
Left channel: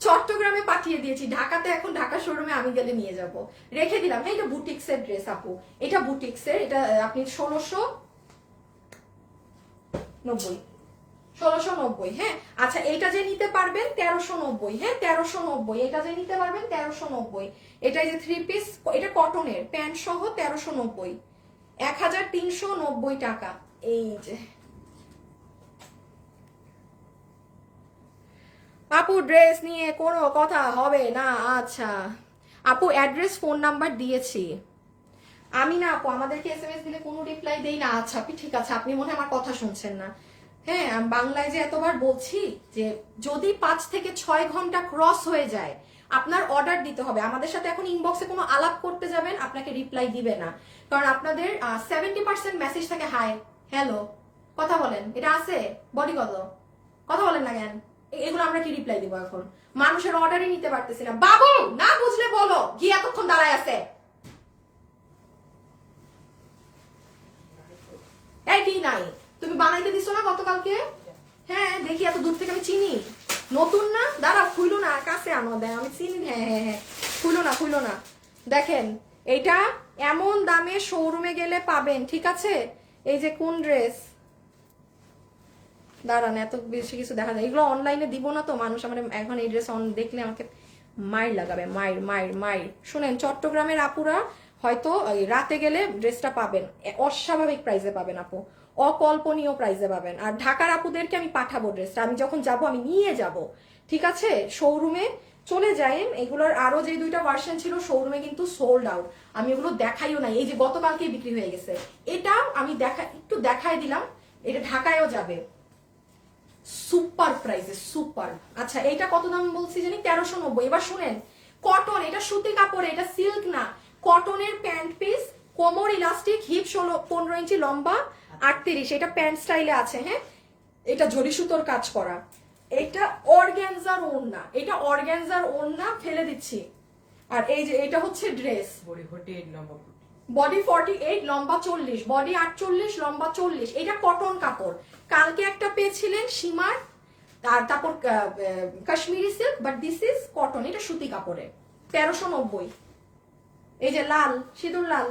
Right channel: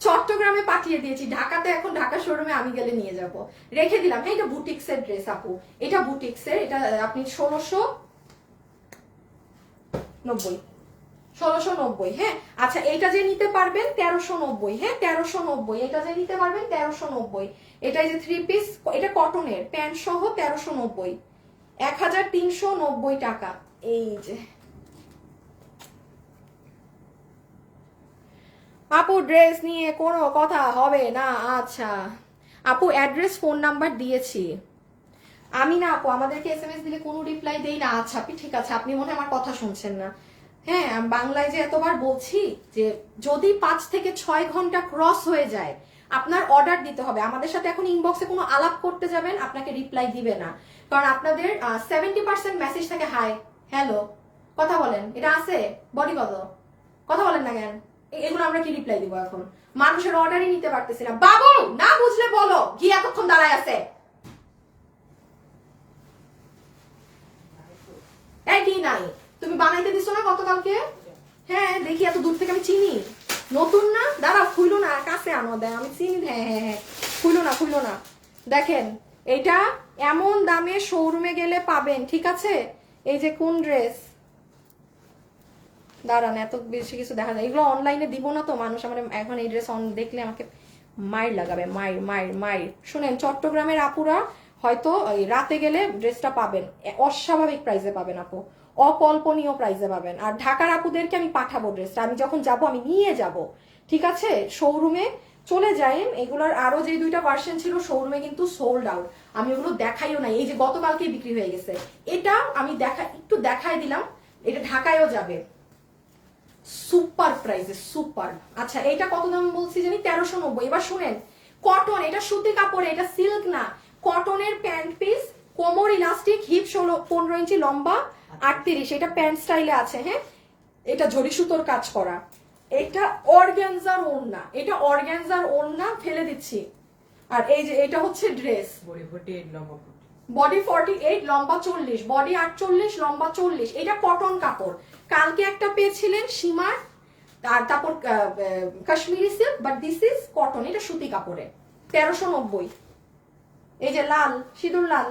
চট্টগ্রামে পাঠিয়ে দিয়েছি, ঢাকাতে এখন ঢাকা শোরুমে আমি গেলে নিয়ে যাব। রেখে দিলাম, হ্যাঁ এটা বুটিক্স এর ড্রেস আপু, এটা বুটিক্স এর, এটা আপনি 1690, হ্যাঁ। আচ্ছা, এইটা যে নিতে পারবেন 1390, হ্যাঁ 1390। এটা যে নিতে পারবেন 1390। এটা যে 3 পিস, এটা কটনের প্যান্ট সহ 1390, 1390 টাকা। এই যে আপু ড্রেস নিয়ে কোনো কথা হবে না। আচ্ছা আপু অ্যাড্রেস ফোন নাম্বার দিয়েছি আমি। না আপু আমাদেরকে এসএমএস দিলে কোনো রিপ্লাই দেই না। আচ্ছা আপনি ঠিক আছে, আপনি মনে হয় আমার কথা শুনছেন না। হ্যাঁ আমি বাংলায় যে এতবার বলছি যে যদি 5 থেকে 6 ঘন্টা ক্রস হয়ে যায় আপনার অর্ডার দিতে হবে। আমাদের সাথে এখন ইনবক্সে কোনো আলাপ করতে যাবেন আপনাকে রিপ্লাই দিবে না, কারণ আপনাদের 70% মেসেজ থাকে হাই হ্যালো কথা বলেন, এটা আছে বডি কত কথা বলেন না কেন, এগুলো আমরা কি রিপ্লাই দিব এখন? মানুষের অর্ডারই নিতে পারতেছি না। বাবু না বুঝলে বলো, কি এতক্ষণ দাঁড়ায় আছে? এই কি নাই তুমি বানাইতে দিছো না গতকালকে? হ্যাঁ দেখি এত দূর থেকে আমি চিনি। নতুন না, দাঁড়াও খুইলো না, কাছে আনো দেয় আমি চিনি। হ্যাঁ হ্যাঁ হ্যাঁ খুইলো না দেখেন এটা এমন দামে শোরুমে গেলে পাবেন, ঠিক আছে? এই যে কোন ড্রেস, দাঁড়ান এত বেশি কিছু দেখা যায়, এগুলো অনলাইনে দিব না তো, মানুষ আমার এখন এই ড্রেস দেখলে আমাকে মাইর লাগাবে, মাইর। শুনেন চট্টগ্রামের আপুরা হয়তো রাতে গেলে ড্রেসটা পাবেন অস্বাভাবিক প্রাইসে পাবেন আপু, অকল্পনীয় প্রাইসে পাবেন। আর ঢাকার আপুদেরকে আমি পাঠাবো ড্রেসটা, আমি যখন যাব আমি নিয়ে যাব, ঠিক আছে? শোরুমে চলে যাইন, এগুলোর আরো যে 2টা ভার্সন ছিল শোরুমে কিন্তু সোল্ড আউট, আমি ওগুলো দেখাইও নাই। এই যে গতকালকে বিক্রি হয়ে গেছে, এটা আমি একটু দেখাই দিলাম, এটা ঢাকায়ও যাবে সুপার প্রাইসে, সুপার। আচ্ছা এটা কত দাম বলছি জানি? 1390। এবার শুনেন কটন, এটা সুতি কাপড়, এটা সিল্ক না, কটনের প্যান্ট পিস, কোমর ইলাস্টিক, হিপ 15 ইঞ্চি লম্বা, 38, এটা প্যান্ট স্টাইলে আছে। হ্যাঁ এটা ঝরি সুতোর কাজ করা, এটা অর্গানজার ওড়না, এটা অর্গানজার ওড়না ফেলে দিচ্ছি। আর এই যে এটা হচ্ছে ড্রেস, বডি 48 লম্বা 40, বডি 48 লম্বা 40, এটা কটন কাপড়। কালকে একটা পেয়েছিলেন সীমার, আর তারপর Kashmiri silk, but this is cotton, এটা সুতি কাপড়ে 1390। এই যে লাল, সিঁদুর লাল,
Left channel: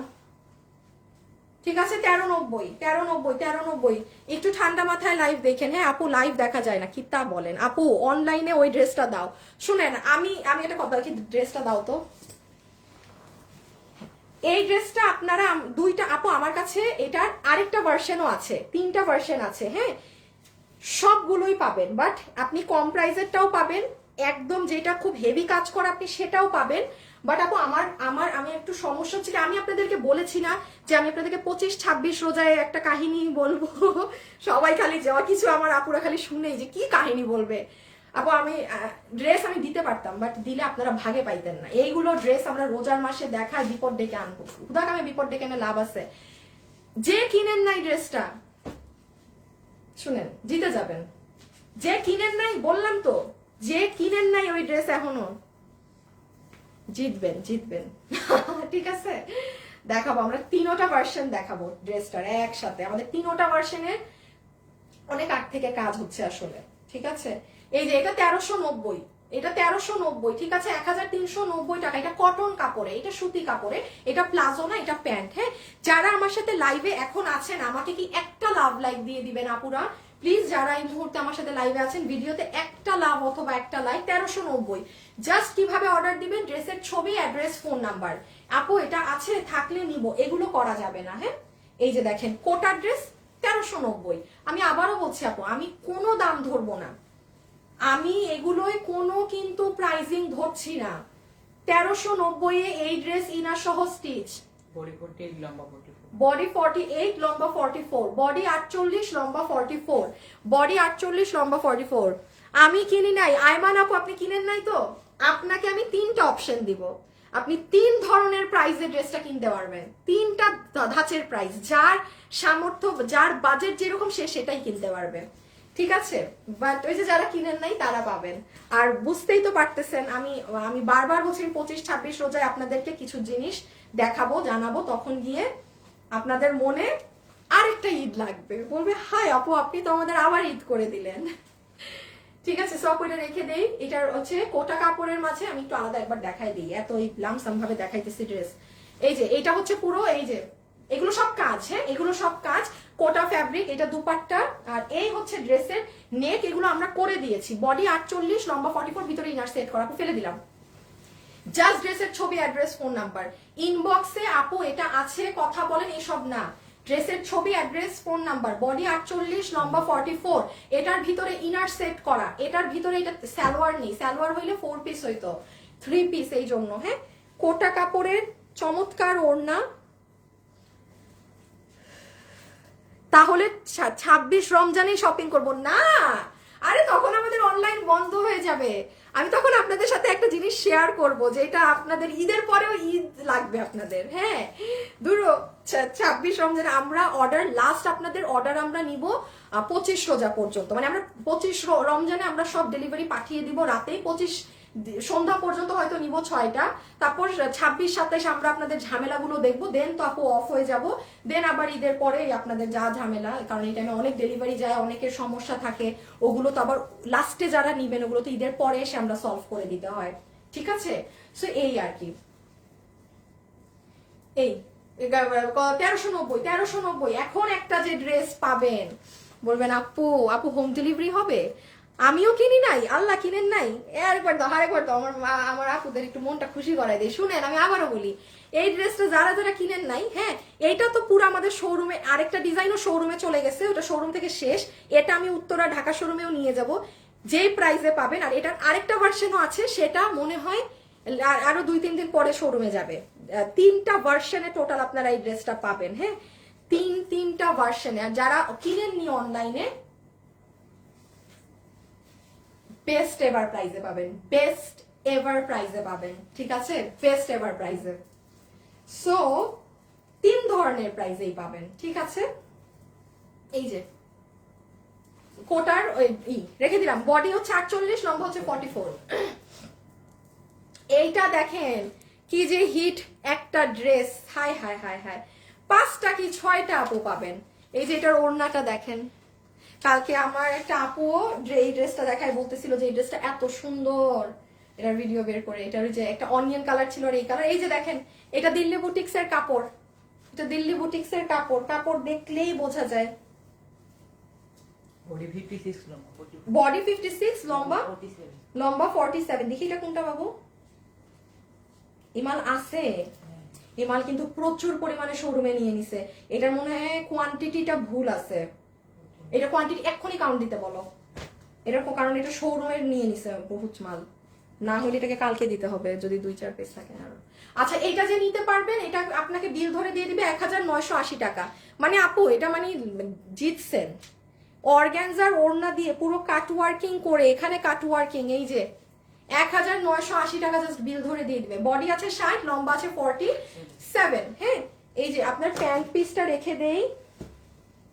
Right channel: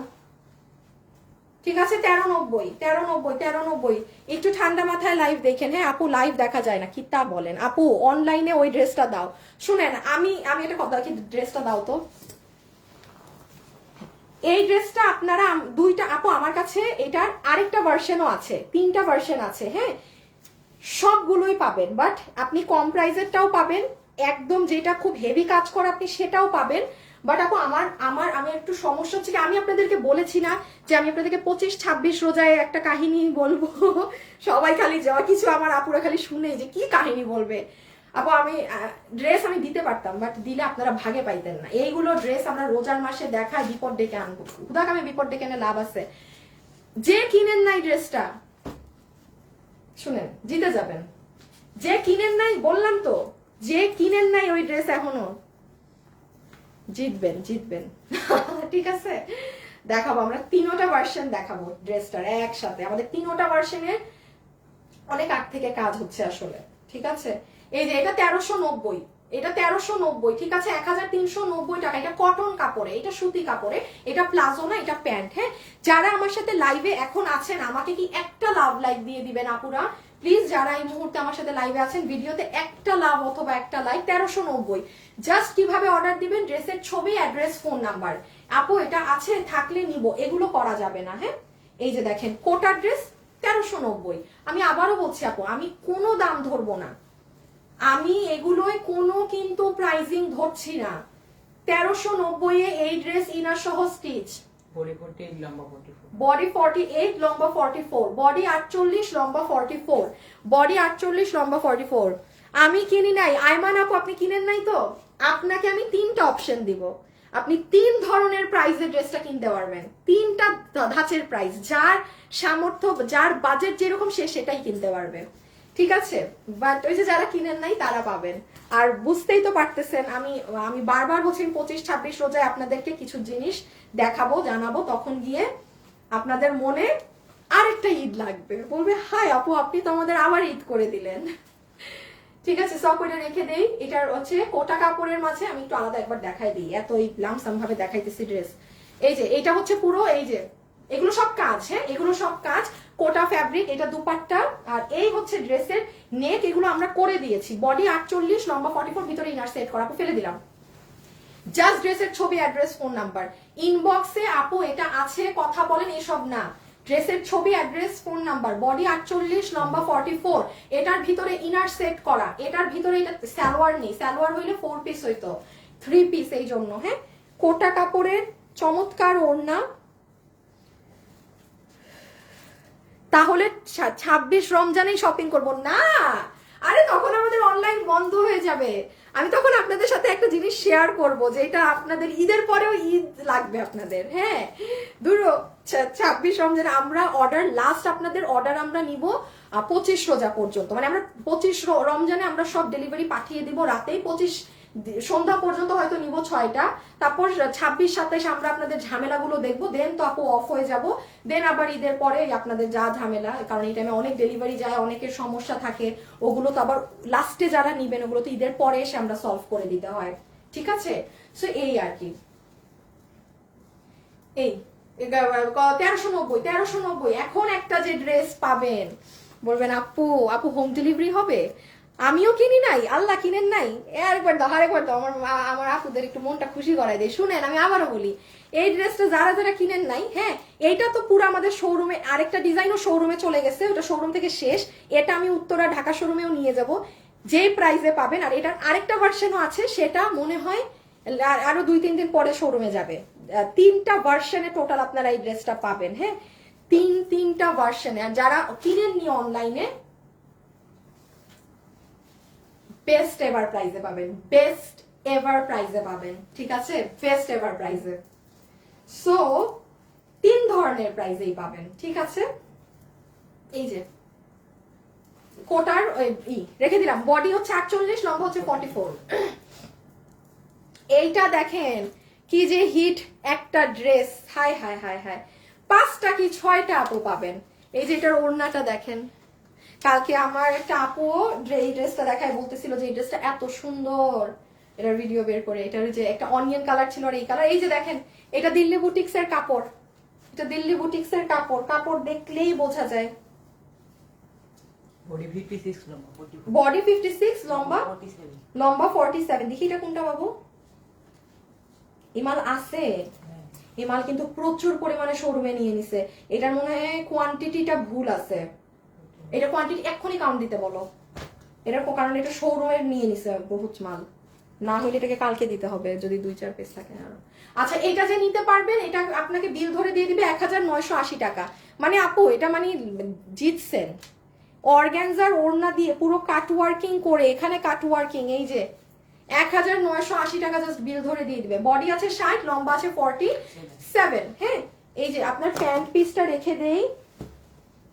ঠিক আছে 1390। একটু ঠান্ডা মাথায় লাইভ দেখেন। হ্যাঁ আপু লাইভ দেখা যায় না কি তা বলেন? আপু অনলাইনে ওই ড্রেসটা দাও। শুনেন আমি একটা কথা কি, ড্রেসটা দাও তো। এই ড্রেসটা আপনারা 2টা আপু আমার কাছে, এটার আরেকটা ভার্সনও আছে, 3টা ভার্সন আছে। হ্যাঁ সবগুলোই পাবেন, বাট আপনি কম প্রাইসেরটাও পাবেন, একদম যেটা খুব হেভি কাজ করে আপনি সেটাও পাবেন। বাট আপু আমি একটু সমস্যা হচ্ছে কি, আমি আপনাদেরকে বলেছি না যে আমি আপনাদেরকে 25-26 রোজায় একটা কাহিনী বলবো? সবাই খালি যাওয়া কিছু আমার আপুরা খালি শুনে যে কি কাহিনী বলবে। আপু আমি ড্রেস আমি দিতে পারতাম, বাট দিলে আপনারা ভাগে পাইতেন না। এইগুলো ড্রেস আমরা রোজার মাসে দেখায় বিপদ ডেকে আনবো, দেখ আমি বিপদ ডেকে এনে লাভ আছে। যে কিনেন নাই ড্রেসটা শুনেন জিতে যাবেন, যে কিনেন নাই বললাম তো, যে কিনেন নাই ওই ড্রেস এখনো জিতবেন। ঠিক আছে দেখাবো আমরা 3টা ভার্সন দেখাবো ড্রেসটার একসাথে, আমাদের 3টা ভার্সনের অনেক আগ থেকে কাজ হচ্ছে আসলে, ঠিক আছে? এই যে এটা 1390, এটা 1390, ঠিক আছে 1390 টাকা। এটা কটন কাপড়ে, এটা সুতি কাপড়ে, এটা প্লাজো না, এটা প্যান্ট। হ্যাঁ যারা আমার সাথে লাইভে এখন আছেন আমাকে কি একটা লাভ লাইক দিয়ে দিবেন আপুরা প্লিজ? যারা এই মুহূর্তে আমার সাথে লাইভে আছেন ভিডিওতে একটা লাভ অথবা একটা লাইক। 1390 জাস্ট কিভাবে অর্ডার দিবেন, ড্রেসের ছবি, অ্যাড্রেস, ফোন নাম্বার। আপু এটা আছে থাকলে নিব, এগুলো করা যাবে না। হ্যাঁ এই যে দেখেন কোটা ড্রেস 1390। আমি আবারও বলছি আপু আমি কোনো দাম ধরবো না, আমি এগুলোই কোনো কিন্তু প্রাইজিং ধরছি না। 1390 এ এই ড্রেস ইনার সহ স্টিচ, বডি 48 লম্বা 44, বডি 48 লম্বা 44, বডি 48 লম্বা 44, বডি 48 লম্বা 44। আমি কিনি নাই, আইমান আপু আপনি কিনেন নাই তো? আপনাকে আমি 3টা অপশন দিব, আপনি 3 ধরনের প্রাইসে ড্রেসটা কিনতে পারবেন, 3টা ধাঁচের প্রাইস, যার সামর্থ্য যার বাজেট যেরকম সে সেটাই কিনতে পারবে, ঠিক আছে? বাট ওই যে যারা কিনেন নাই তারা পাবেন। আর বুঝতেই তো পারতেছেন আমি বারবার বলছি 25-26 রোজায় আপনাদেরকে কিছু জিনিস দেখাবো জানাবো, তখন গিয়ে আপনাদের মনে আরেকটা ঈদ লাগবে, বলবে হাই আপু আপনি তো আমাদের আবার ঈদ করে দিলেন। ঠিক আছে সব ওইটা রেখে দেই। এটার হচ্ছে কোটা কাপড়ের মাঝে আমি একটু আলাদা একবার দেখাই দিই, এত লামসাম ভাবে দেখাইতেছি ড্রেস। এই যে এটা হচ্ছে পুরো, এই যে এগুলো সব কাজ, হ্যাঁ এগুলো সব কাজ, কোটা ফ্যাব্রিক, এটা দুপাট্টা, আর এই হচ্ছে ড্রেসের নেক, এগুলো আমরা করে দিয়েছি। বডি 48 লম্বা 44, ভিতরে ইনার সেট করা, ফেলে দিলাম। জাস্ট ড্রেসের ছবি, অ্যাড্রেস, ফোন নাম্বার, ইনবক্সে আপু এটা আছে কথা বলেন, এসব না। ড্রেসের ছবি, অ্যাড্রেস, ফোন নাম্বার, বডি 48, লম্বা 44, এটার ভিতরে ইনার সেট করা, এটার ভিতরে এটা সালোয়ার নেই, সালোয়ার হইলে 4 পিস হইতো, 3 পিস এই জন্য। হ্যাঁ, কোটা কাপড়ের চমৎকার ওড়না। তাহলে 26 রমজানেই শপিং করব না? আরে তখন আমাদের অনলাইন বন্ধ হয়ে যাবে। আমি তখন আপনাদের সাথে একটা জিনিস শেয়ার করব, যেটা আপনাদের ঈদের পরেও ঈদ লাগবে আপনাদের। হ্যাঁ, ধরো 26 রমজানে আমরা অর্ডার, লাস্ট আপনাদের অর্ডার আমরা নিব 25 রোজা পর্যন্ত, মানে আমরা 25 রমজানে আমরা সব ডেলিভারি পাঠিয়ে দিব রাতেই, 25 সন্ধ্যা পর্যন্ত হয়তো নিব 6টা, তারপর 26, 27 আমরা আপনাদের ঝামেলাগুলো দেখবো, দেন তো আপু অফ হয়ে যাব, দেন আবার ঈদের পরে আপনাদের যা ঝামেলা, কারণ এই টাইমে অনেক ডেলিভারি যায়, অনেকের সমস্যা থাকে, ওগুলো তো আবার লাস্টে যারা নিবেন ওগুলো তো ঈদের পরে এসে আমরা সলভ করে দিতে হয়, ঠিক আছে? সো এই আর কি, এই 1390 এখন একটা যে ড্রেস পাবেন, বলবেন আপু আপু হোম ডেলিভারি হবে? আমিও কিনি নাই, আল্লাহ কিনেন নাই, আরেকবার দাও আরেকবার দাও, আমার আপুদের একটু মনটা খুশি করাই দেয়। শুনেন, আমি আবারও বলি, এই ড্রেসটা যারা যারা কিনেন নাই, হ্যাঁ, এইটা তো পুরো আমাদের শোরুমে, আরেকটা ডিজাইনও শোরুমে চলে গেছে, ওটা শোরুম থেকে শেষ, এটা আমি উত্তরা ঢাকা শোরুমেও নিয়ে যাব, যে প্রাইসে পাবেন। আর এটার আরেকটা ভার্সনও আছে, সেটা মনে হয় আরো 2-3 দিন পরে শোরুমে যাবে। 3টা ভার্সনে টোটাল আপনারা এই ড্রেসটা পাবেন। হ্যাঁ, তিনটা ভার্সনে। আর যারা কিনেননি অনলাইনে, বেস্ট এভার প্রাইজে পাবেন, বেস্ট এভার প্রাইজে পাবেন, ঠিক আছে? বেস্ট এভার প্রাইজে। সো 3 ধরনের প্রাইজেই পাবেন, ঠিক আছে? এই যে কোটার রেখে দিলাম, বডি হচ্ছে 48, লম্বা হচ্ছে 44। এইটা দেখেন কি যে হিট একটা dress, high high high high, 5টা কি 6টা আপু পাবেন। এই যে এটার ওড়নাটা দেখেন, কালকে আমার একটা আপু এই ড্রেসটা দেখায়, বলতেছিল যে এই ড্রেসটা এত সুন্দর, এটার ভিডিও বের করে, এটার যে একটা অনিয়ন কালার ছিল আর এই কালার। এই যে দেখেন, এটা দিল্লি বুটিক্স এর কাপড়, এটা দিল্লি বুটিক্স এর কাপড়, কাপড় দেখলেই বোঝা যায়। বডি 56, লম্বা 44, বডি 56, লম্বা 47। লম্বা 47। দেখি এটা কোনটা বাবু? ইমাল আছে, ইমাল কিন্তু প্রচুর পরিমাণে শোরুমে নিয়ে নিছে। এটার মনে হয় কোয়ান্টিটিটা ভুল আছে, এটা কোয়ান্টিটি এক্ষুনি কাউন্ট দিতে বলো, এটা কারণ এটা শোরুমের নিয়ে নিছে বহুত মাল, না হলে এটাকে কালকে দিতে হবে যদি 2-4 পিস থাকে আরো। আচ্ছা, এইটা যে নিতে পারবেন, এটা আপনাকে বিল ধরে দিয়ে দিবে 1980 টাকা। মানে আপু এটা মানে জিতছেন, অর্গানজার ওড়না দিয়ে পুরো কাট ওয়ার্কিং করে, এখানে কাট ওয়ার্কিং, এই যে 1980 টাকা জাস্ট বিল ধরে দিয়ে দিবে। বডি আছে 60, লম্বা আছে 47। হ্যাঁ, এই যে আপনার প্যান্ট পিসটা রেখে দেই,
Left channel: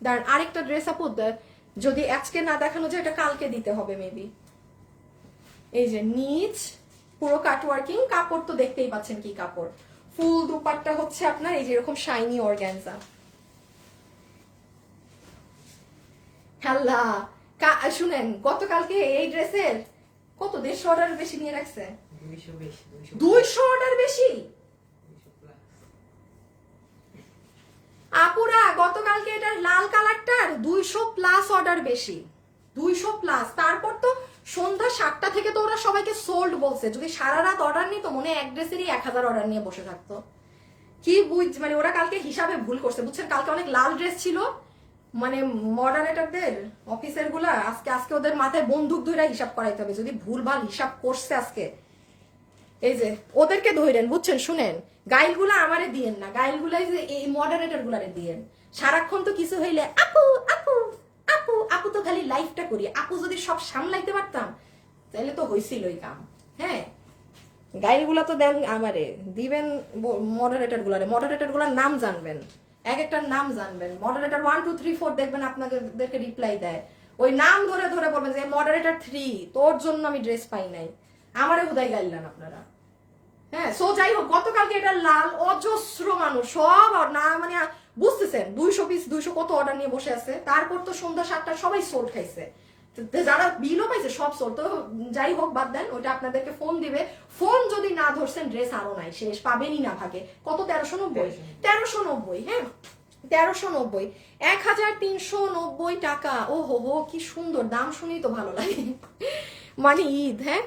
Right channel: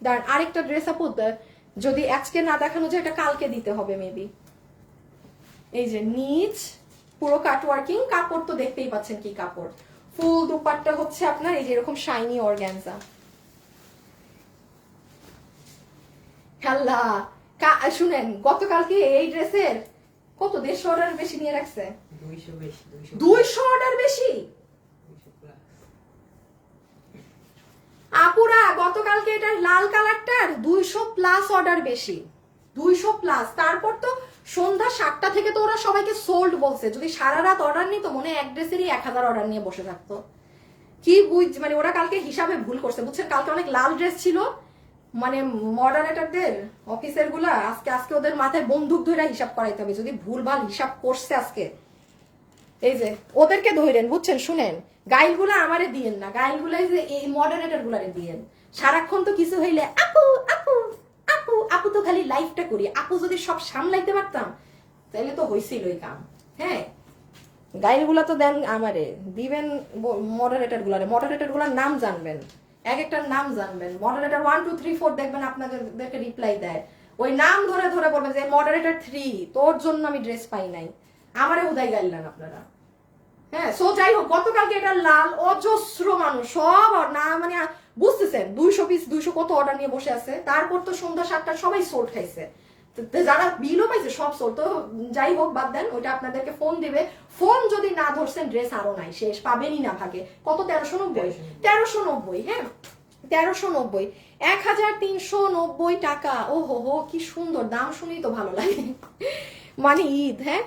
দাঁড়ান আরেকটা ড্রেস আপু যদি আজকে না দেখানো যায়, এটা কালকে দিতে হবে মেবি। এই যে নিচ পুরো কাট ওয়ার্কিং, কাপড় তো দেখতেই পাচ্ছেন কি কাপড়, ফুল দুপাট্টা হচ্ছে আপনার এই যে এরকম শাইনি অর্গানজা। আল্লাহ, শুনেন, গতকালকে এই ড্রেসের কত 150 অর্ডার বেশি নিয়ে রাখছে, 200 বেশি, 200 অর্ডার বেশি। 200 প্লাস। আপুরা গতকালকে এটার লাল কালারটার 200 প্লাস অর্ডার বেশি, 200 প্লাস। তারপর তো সন্ধ্যা 7টা থেকে তো ওরা সবাইকে সোল্ড বলছে, যদি সারা রাত অর্ডার নিত মনে হয় এক ড্রেসেরই 1000 অর্ডার নিয়ে বসে থাকতো। কি মানে ওরা কালকে হিসাবে ভুল করছে, বুঝছেন? কালকে অনেক লাল ড্রেস ছিল, মানে মডারেটরদের অফিসের গুলা আজকে ওদের মাথায় বন্দুক ধরে হিসাব করাইতে হবে, যদি ভুলভাল হিসাব করছে আজকে। এই যে ওদেরকে ধরেন, বুঝছেন? শুনেন, গাইলগুলা আমারে দিয়েন না, গাইলগুলা এই মডারেটর গুলারে দিয়েন। সারাক্ষণ তো কিছু হইলে আপু আপু আপু আপু, তো খালি লাইফটা করি। আপু যদি সব সামলাইতে পারতাম তাহলে তো হয়েছিল এই কাম। হ্যাঁ, গাইলগুলা তো দেন আমারে, দিবেন মডারেটর গুলারে। মডারেটর গুলার নাম জানবেন, এক একটার নাম জানবেন। মডারেটর 1 2 3 4 দেখবেন আপনাদেরকে রিপ্লাই দেয়, ওই নাম ধরে ধরে বলবেন যে মডারেটর 3 তোর জন্য আমি ড্রেস পাই নাই, আমারে উদাই গাইলেন আপনারা। হ্যাঁ, সো যাই হোক, গতকালকে এটা লাল অজস্র মানুষ সব না, মানে বুঝতেছেন 200 পিস 200 কত অর্ডার নিয়ে বসে আছে। তারপর তো সন্ধ্যা 7টা সবাই সোল্ড খাইছে, যারা বিলও পাইছে সব সোল্ড। তো যাই হোক, বাদ দেন, ওইটা আপনাদেরকে ফোন দিবে। ফোন যদি না ধরছেন, ড্রেস আরো নাই, শেষ, পাবেনই না ভাগে। কত? 1390, 1390। হ্যাঁ, 1390, 1390 টাকা। ও হো হো, কি সুন্দর দাম, শুনেই তো ভালো লাগে। মানে ঈদ। হ্যাঁ,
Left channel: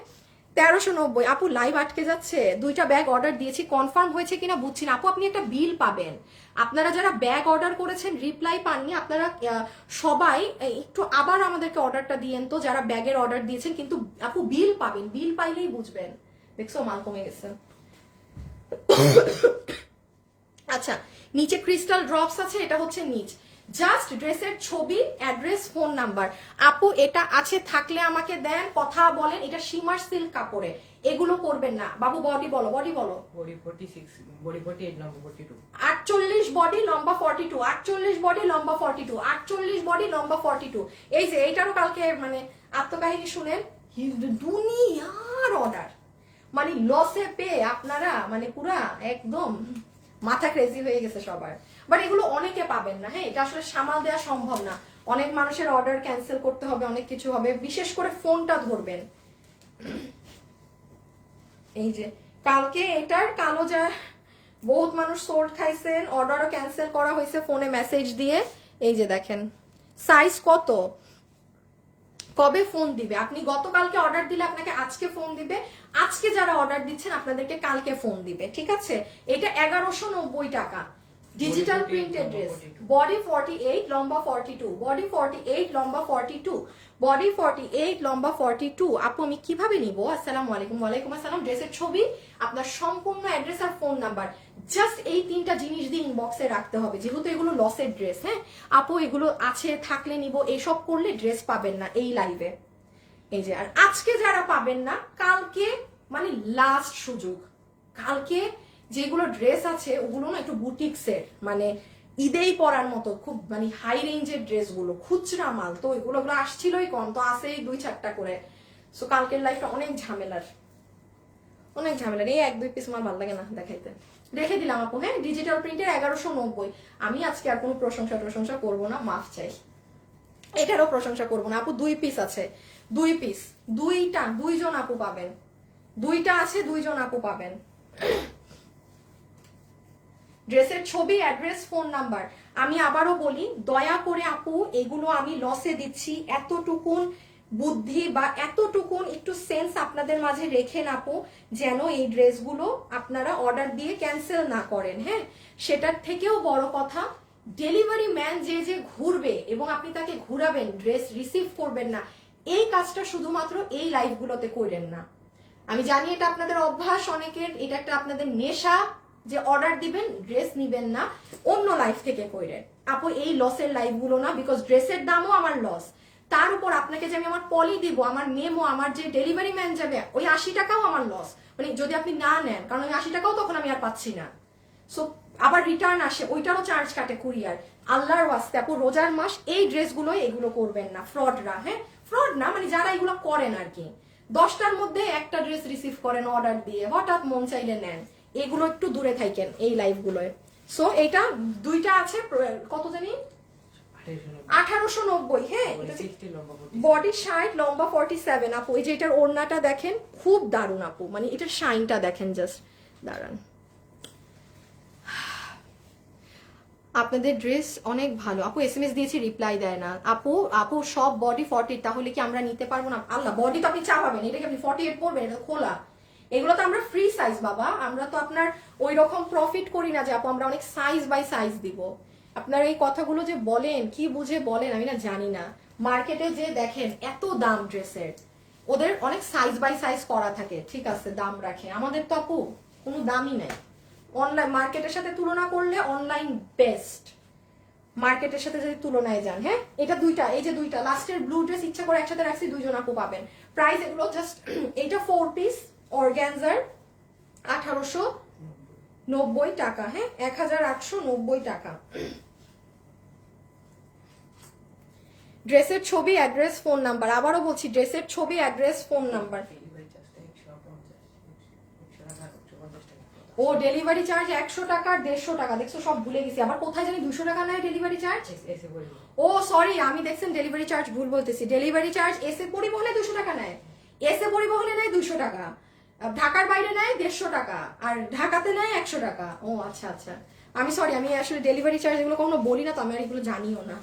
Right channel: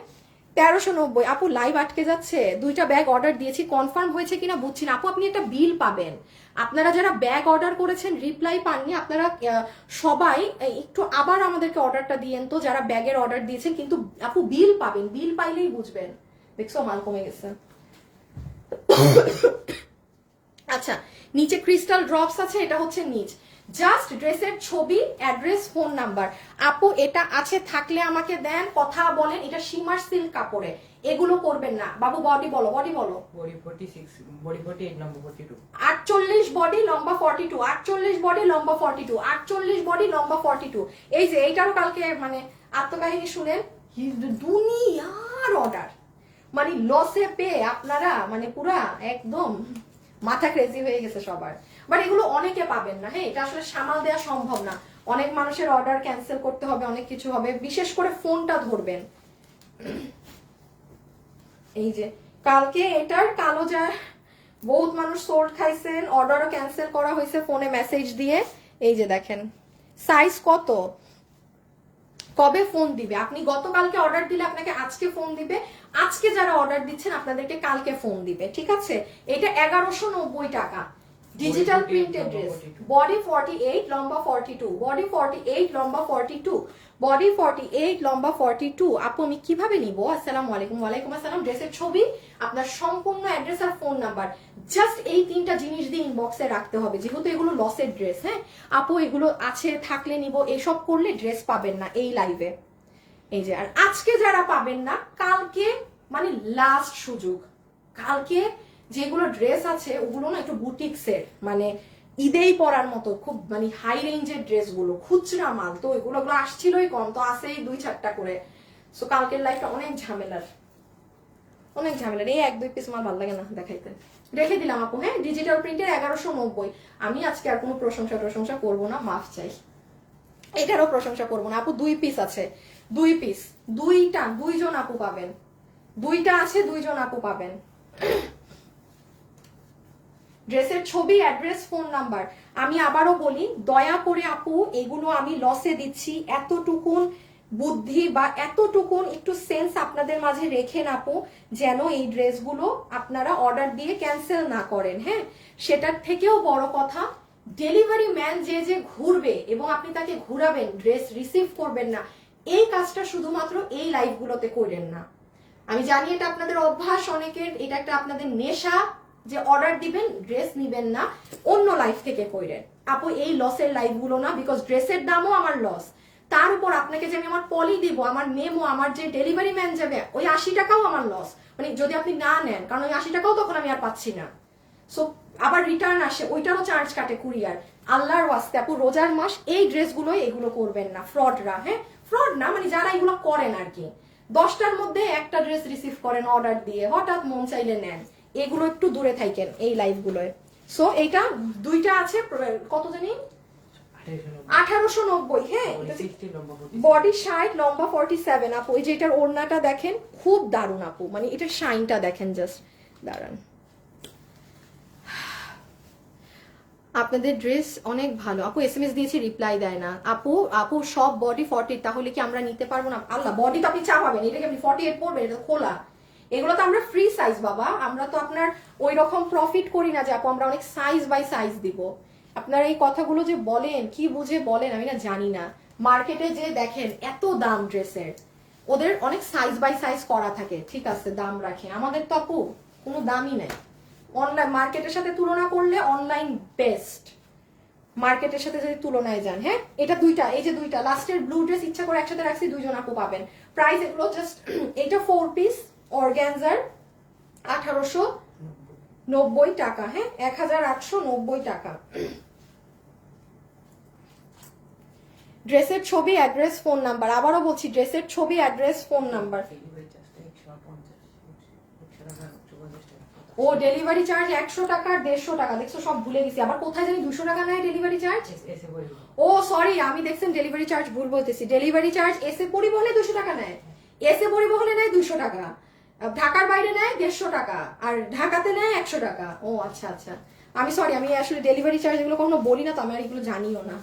1390। আপু লাইভ আটকে যাচ্ছে, দুইটা ব্যাগ অর্ডার দিয়েছি, কনফার্ম হয়েছে কিনা বুঝছি না। আপু আপনি একটা বিল পাবেন, আপনারা যারা ব্যাগ অর্ডার করেছেন রিপ্লাই পাননি আপনারা সবাই একটু আবার আমাদেরকে অর্ডারটা দিয়েন তো, যারা ব্যাগের অর্ডার দিয়েছেন। কিন্তু আপু বিল পাবেন, বিল পাইলেই বুঝবেন। দেখছো মাল কমে গেছে। আচ্ছা, নিচে ক্রিস্টাল ড্রপস আছে, এটা হচ্ছে নিচ। জাস্ট ড্রেসের ছবি, অ্যাড্রেস, ফোন নাম্বার। আপু এটা আছে থাকলে আমাকে দেন, কথা বলেন। এটা শিমার সিল্ক কাপড়ে, এগুলো করবেন না। বাবু বডি বলো, বডি বলো। বডি 46, বডি 48, লম্বা 42। 48 বডি, লম্বা 42, 48 বডি, লম্বা 42, 48 বডি, লম্বা 42। এই যে এইটারও কালকে মানে আত্মকাহিনী শুনেন, দুনিয়ার অর্ডার, মানে লসে পেয়ে আপনারা মানে পুরা একদম মাথা ক্রেজি হয়ে গেছে সবার। বাট এগুলো অনেকে পাবেন না, হ্যাঁ, এটা আসলে সামাল দেওয়া সম্ভব না। অনেক মানুষের অর্ডার ক্যান্সেল করতে হবে, অনেক কিছু হবে, বিশেষ করে ফোনটা ধরবেন। এই যে কালকে এটার কালো যা বহুত মানুষ সোল্ড খাইছেন, অর্ডারও ক্যান্সেল করা হয়েছে ফোনে মেসেজ দিয়ে। এই যে দেখেন সাইজ কত, কবে ফোন দিবে। আপনি গতকালকে অর্ডার দিলে আপনাকে আজকে ফোন দিবে, আজকে যারা অর্ডার দিচ্ছেন আপনাদেরকে কালকে ফোন দিবে, ঠিক আছে। এটা 1190 টাকা, ডিজিটাল প্রিন্টেড ড্রেস। বডি 48, লম্বা 42, বডি 48, লম্বা 42, বডি 48, লম্বা 42। আপু আমি কিভাবে নিব? আসসালামু আলাইকুম। ওয়ালাইকুম আসসালাম। ড্রেসের ছবি, আপনার সম্পূর্ণ অ্যাড্রেস আর ফোন নাম্বার, জাস্ট এই তিনটা জিনিস দিয়ে ইনবক্সে রাখতে হবে, যেহেতু এগুলো লসের ড্রেস। হ্যাঁ আপু এগুলো আছে থাকলে নিব, এইসব করলে ড্রেস পাবেন না এই লাইভে। এই যে আর আজকে যারা পাবেন না, কালকে মানে লাস্ট সুযোগ। কালকে যেগুলো ড্রেস আছে ওগুলো না একটু বুটিক্সের, মানে ঈদেই পরার মতো খুব মানে হাই রেঞ্জের ড্রেসগুলো, খুচরা মাল তো এগুলো আসছিলই কম, তো আসেই 2-4টা করে। সো কালকের লাইফটা অনেক ঝামেলার, অনেক ঝামেলার। এই 1-2 পিস আমার ভালো লাগে না দেখাইতে, রেখে দিলাম আপু। হ্যাঁ ডিজিটাল প্রিন্টের 1190। আমি আজকে আর কোনো প্রশংসা করবো না, মাফ চাই। এটারও প্রশংসা করবো না আপু। 2 পিস আছে, 2 পিস, দুইজন আপু পাবেন, 2টা আছে, 2জন আপু পাবেন। ড্রেসের ছবি, অ্যাড্রেস, ফোন নাম্বার। আমি আবারও বলি, দয়া করে আপু এগুলো আমি লসে দিচ্ছি, এতটুকুন বুদ্ধি বা এতটুকুন একটু সেন্স আপনাদের মাঝে রেখেন আপু, যেন এই ড্রেসগুলো আপনারা অর্ডার দিয়ে ক্যান্সেল না করেন। হ্যাঁ সেটার থেকেও বড় কথা, ডেলিভারি ম্যান যে ঘুরবে এবং আপনি তাকে ঘুরাবেন, ড্রেস রিসিভ করবেন না, এই কাজটা শুধুমাত্র এই লাইভগুলোতে করেন না। আমি জানি এটা আপনাদের অভ্যাস অনেকের, এটা একটা আপনাদের নেশা যে অর্ডার দিবেন ড্রেস নিবেন না, অন্য লাইফ থেকে কইরেন আপু। এই লসের লাইফগুলো না, বিকজ ড্রেসের দামও আমার লস, তার উপর আপনাকে যে আমি আমার পলি দিব, আমার মেমো, আমার যে ডেলিভারি ম্যান যাবে, ওই 80 টাকাও আমার লস, মানে যদি আপনি না নেন, কারণ ওই 80 টাকাও তখন আমি আর পাচ্ছি না। সো আবার রিটার্ন আসে, ওইটারও চার্জ কাটে কুরিয়ার। আল্লাহর ওয়াস্তে আপু রোজার মাস এই ড্রেসগুলোই এগুলো করবেন না, ফ্রডরা। হ্যাঁ ফ্রড না, মানে যারা এগুলো করেন আর কি, 10টার মধ্যে একটা ড্রেস রিসিভ করেন অর্ডার দিয়ে, হঠাৎ মন চাইলে নেন, এগুলো একটু দূরে থাকেন এই লাইভগুলোয়। সো এটা 2টা আছে, কত জানি 1890। হ্যাঁ বডি 60, লম্বা 47 আপু। এই যে এটার ওড়নাটা দেখেন, খুব দারুণ আপু, মানে এটার শাইনটা দেখেন, জাস্ট দাঁড়ান। আপনাদের ড্রেস অনেক ভালো আপু, SMS দিয়েছি রিপ্লাই দেয় না আপু সব বডি 40, তাহলে কি আমরা নিতে পারবো না? আল্লাহ, বডি তো আপনি চাপাবেন, এটাকে আপনি 48 পড়বেন, এটা খোলা। এগুলো তো আমরা ফ্রি সাইজ বাবা, আমরা তো আপনার ওই রকম প্রফিট করি না যে আপু আমরা অনেক সাইজ বাই সাইজ দিব। আপনার এই কথাগুলো যে বলেন, কি বুঝে বলেন আমি না জানি না। মার্কেটে যে দেখেন এত দাম ড্রেসের, ওদের অনেক সাইজ বাই সাইজ করা থাকে, ঠিক আছে দাম রাখে, আমাদের তো আপু কোনো দামই নাই। অনলাইন মার্কেটের সাথে তুলনা করলে অনলাইন বেস্ট, মার্কেটের সাথে যদি তুলনায় যান। হ্যাঁ এটা 2টা, এই যে 2টা লাস্টের ব্লু ড্রেস ইচ্ছা করে একসাথে রাখছি, 2জন আপু পাবেন। প্রাইস এগুলো জাস্ট, এটা 4 পিস অর্গানজার 1890 টাকা। হ্যাঁ 1890 টাকা। ড্রেসের ছবি, অ্যাড্রেস, ফোন নাম্বার। আবারও বলছি, ড্রেসের ছবি, অ্যাড্রেস, ফোন নাম্বার। ও ডেলিভারি চার্জ 100 টাকা, 150 টাকা, দেখছো সব ভুলে গেছি। আবার কোথায় জানি 200 টাকা নেয় ডেলিভারি চার্জ। ও সরি, আমি দেখছেন ডেলিভারি চার্জ ভুল বলতেছি। ডেলিভারি চার্জ এসে পরিবহনে 200 টাকা নেয়, এসে পরিবহনে নেয় 200 টাকা, ঢাকার বাইরে নেয় 150 টাকা, আর ঢাকাতে নেয় 100 টাকা। ও আচ্ছা আচ্ছা, আমি সরি, আমি আসলে ডেলিভারি চার্জ এগুলো কখনো বলি না, তো আমি আর এগুলো জানিও না।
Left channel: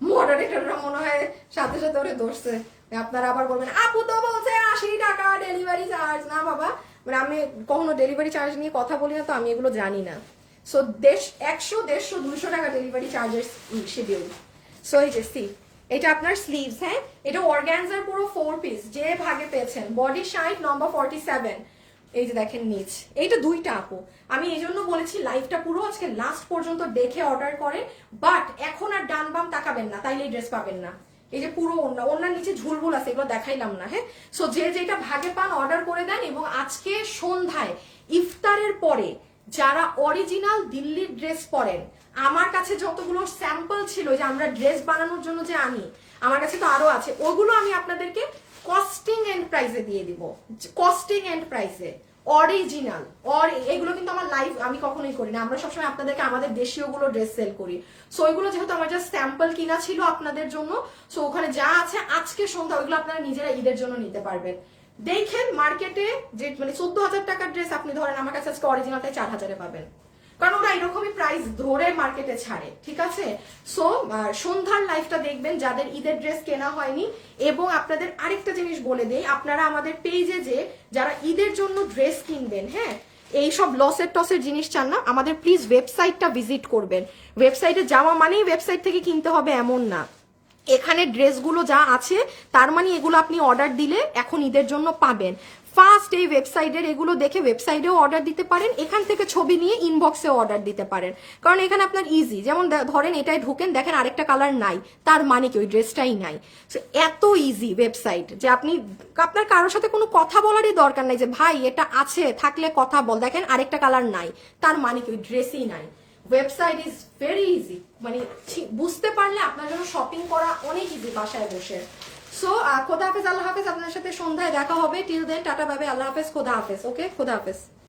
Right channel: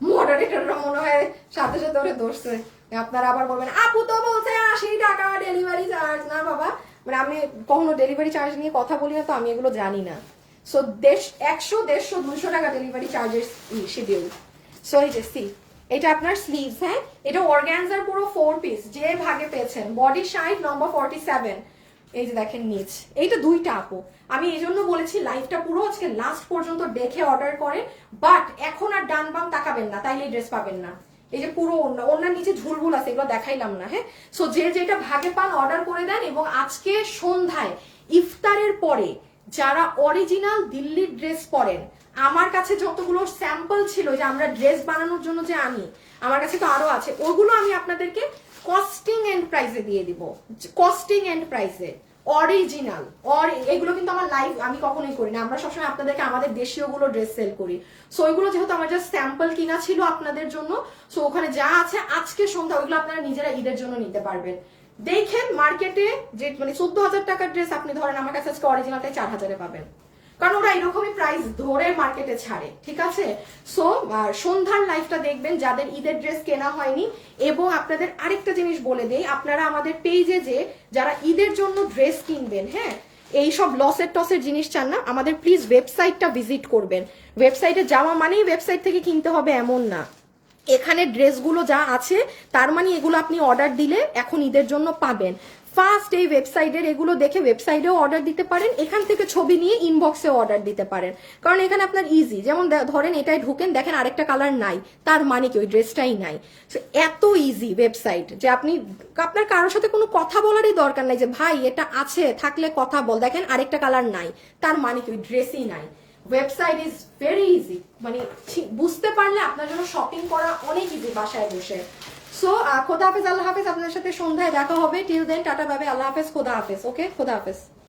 মডারেটররা মনে হয় সাথে সাথে ওরে ধরছে। আপনারা আবার বলবেন আপু তো বলছে 80 টাকা ডেলিভারি চার্জ। না বাবা, মানে আমি কখনো ডেলিভারি চার্জ নিয়ে কথা বলি না, তো আমি এগুলো জানি না। সো 100, 150, 200 টাকা ডেলিভারি চার্জেস শিডিউল। সো এই যে সি, এটা আপনার স্লিভস, হ্যাঁ, এটা অর্গানজার পুরো 4 পিস, যে ভাগে পেয়েছেন। বডি সাইজ নম্বর 47। এই যে দেখেন নিচ, এইটা 2টা আপু। আমি এই জন্য বলেছি লাইভটা পুরো আজকে লাস্ট পর্যন্ত দেখে অর্ডার করে, বাট এখন আর ডান বাম তাকাবেন না, তাইলে এই ড্রেস পাবেন না। এই যে পুরো ওনার নিচে ঝুলঝুল আছে, এগুলো দেখাইলাম না, হ্যাঁ। সো যে যেটা ভাগে পান অর্ডার করে দেন, এবং আজকে সন্ধ্যায় ইফতারের পরে যারা অরিজিনাল দিল্লির ড্রেস পরেন, আমার কাছে যতগুলো স্যাম্পল ছিল যে আমরা ড্রেস বানানোর জন্য যে আনি, আমার কাছে তো আরো আছে, ওগুলো আমি আপনাদেরকে কস্টিং এন্ড প্রাইসে দিয়ে দিব। কস্টিং এন্ড প্রাইসে অরিজিনাল। এগুলো কিন্তু আমার লাইভ আমি কখনোই করি না, আমরা সবসময় আপনাদেরকে আমাদের দেশীয় গুলো ড্রেস সেল করি। সো ওইগুলো যেহেতু আমার জাস্ট স্যাম্পল কিনা ছিল আপনাদের জন্য, সো ওখানে যা আছে আজকে সন্ধ্যা ওইগুলো আপনারা নিজেরা ঈদের জন্য নিতে পারবেন। দেখেন মার্কেটে যে মানে 14,000 টাকার ড্রেস আপনি ধরেন আমার কাছে আজকে অরিজিনালটাই 4,000-এ পাবেন, কারণ ওরা এরকমই প্রাইস ধরে মার্কেটে ছাড়ে, ঠিক আছে। সো সন্ধ্যার লাইফটা দেখবেন যাদের ঈদের ড্রেস কেনা হয়নি। এবং আপনাদের আরেকটা জিনিস বলে দেই, আপনারা আমাদের পেজে যে যারা ঈদের জন্য ড্রেস কিনবেন, হ্যাঁ, এইসব লসের টসের জিনিস চান না, আমাদের প্লিজ ওয়েবসাইটটা ভিজিট করবেন। ওয়েবসাইটে যাওয়া মানেই ওয়েবসাইট থেকে কিনতে হবে এমন না, এখানে ড্রেসগুলো যা আছে তার মানে এগুলো আপনি অর্ডার দিলে এখন ঈদের জন্য পাবেন। ফার্স্ট এই ওয়েবসাইটের এগুলো দেখে ওয়েবসাইটেও অর্ডার দিতে পারেন, এখান থেকে ছবি নিয়ে ইনবক্সেও অর্ডার দিতে পারেন, কারণ এখানে আপনার ইজি। যেমন ধরেন এটাই ঢুকেন, দেখেন আরেকটা কালার নাই, তার মানে কি ওই ড্রেসটাই নাই। এত ইজি ওয়েবসাইট যে আপনার কারোর সাথে কোনো কথা বলারই দরকার নাই যে ভাই এটা আছে থাকলে কথা বল, দেখেন আরেকটা কালার নাই, তার মানে কি ওই ড্রেসই নাই। ওয়েবসাইট ইজ ভেরি ইজি, মানে বুঝতে পারলে আপনার জন্য শপিং করা অনেক ইজি বাসায় বসে। সো খোদা হাফেজ, আল্লাহ হাফেজ, আপনার সাথে সন্ধ্যায় দেখা হবে। টিল দেন টাটা, বাবে, আল্লাহ হাফেজ, খোদা হাফেজ। ওকে, খোদা হাফেজ।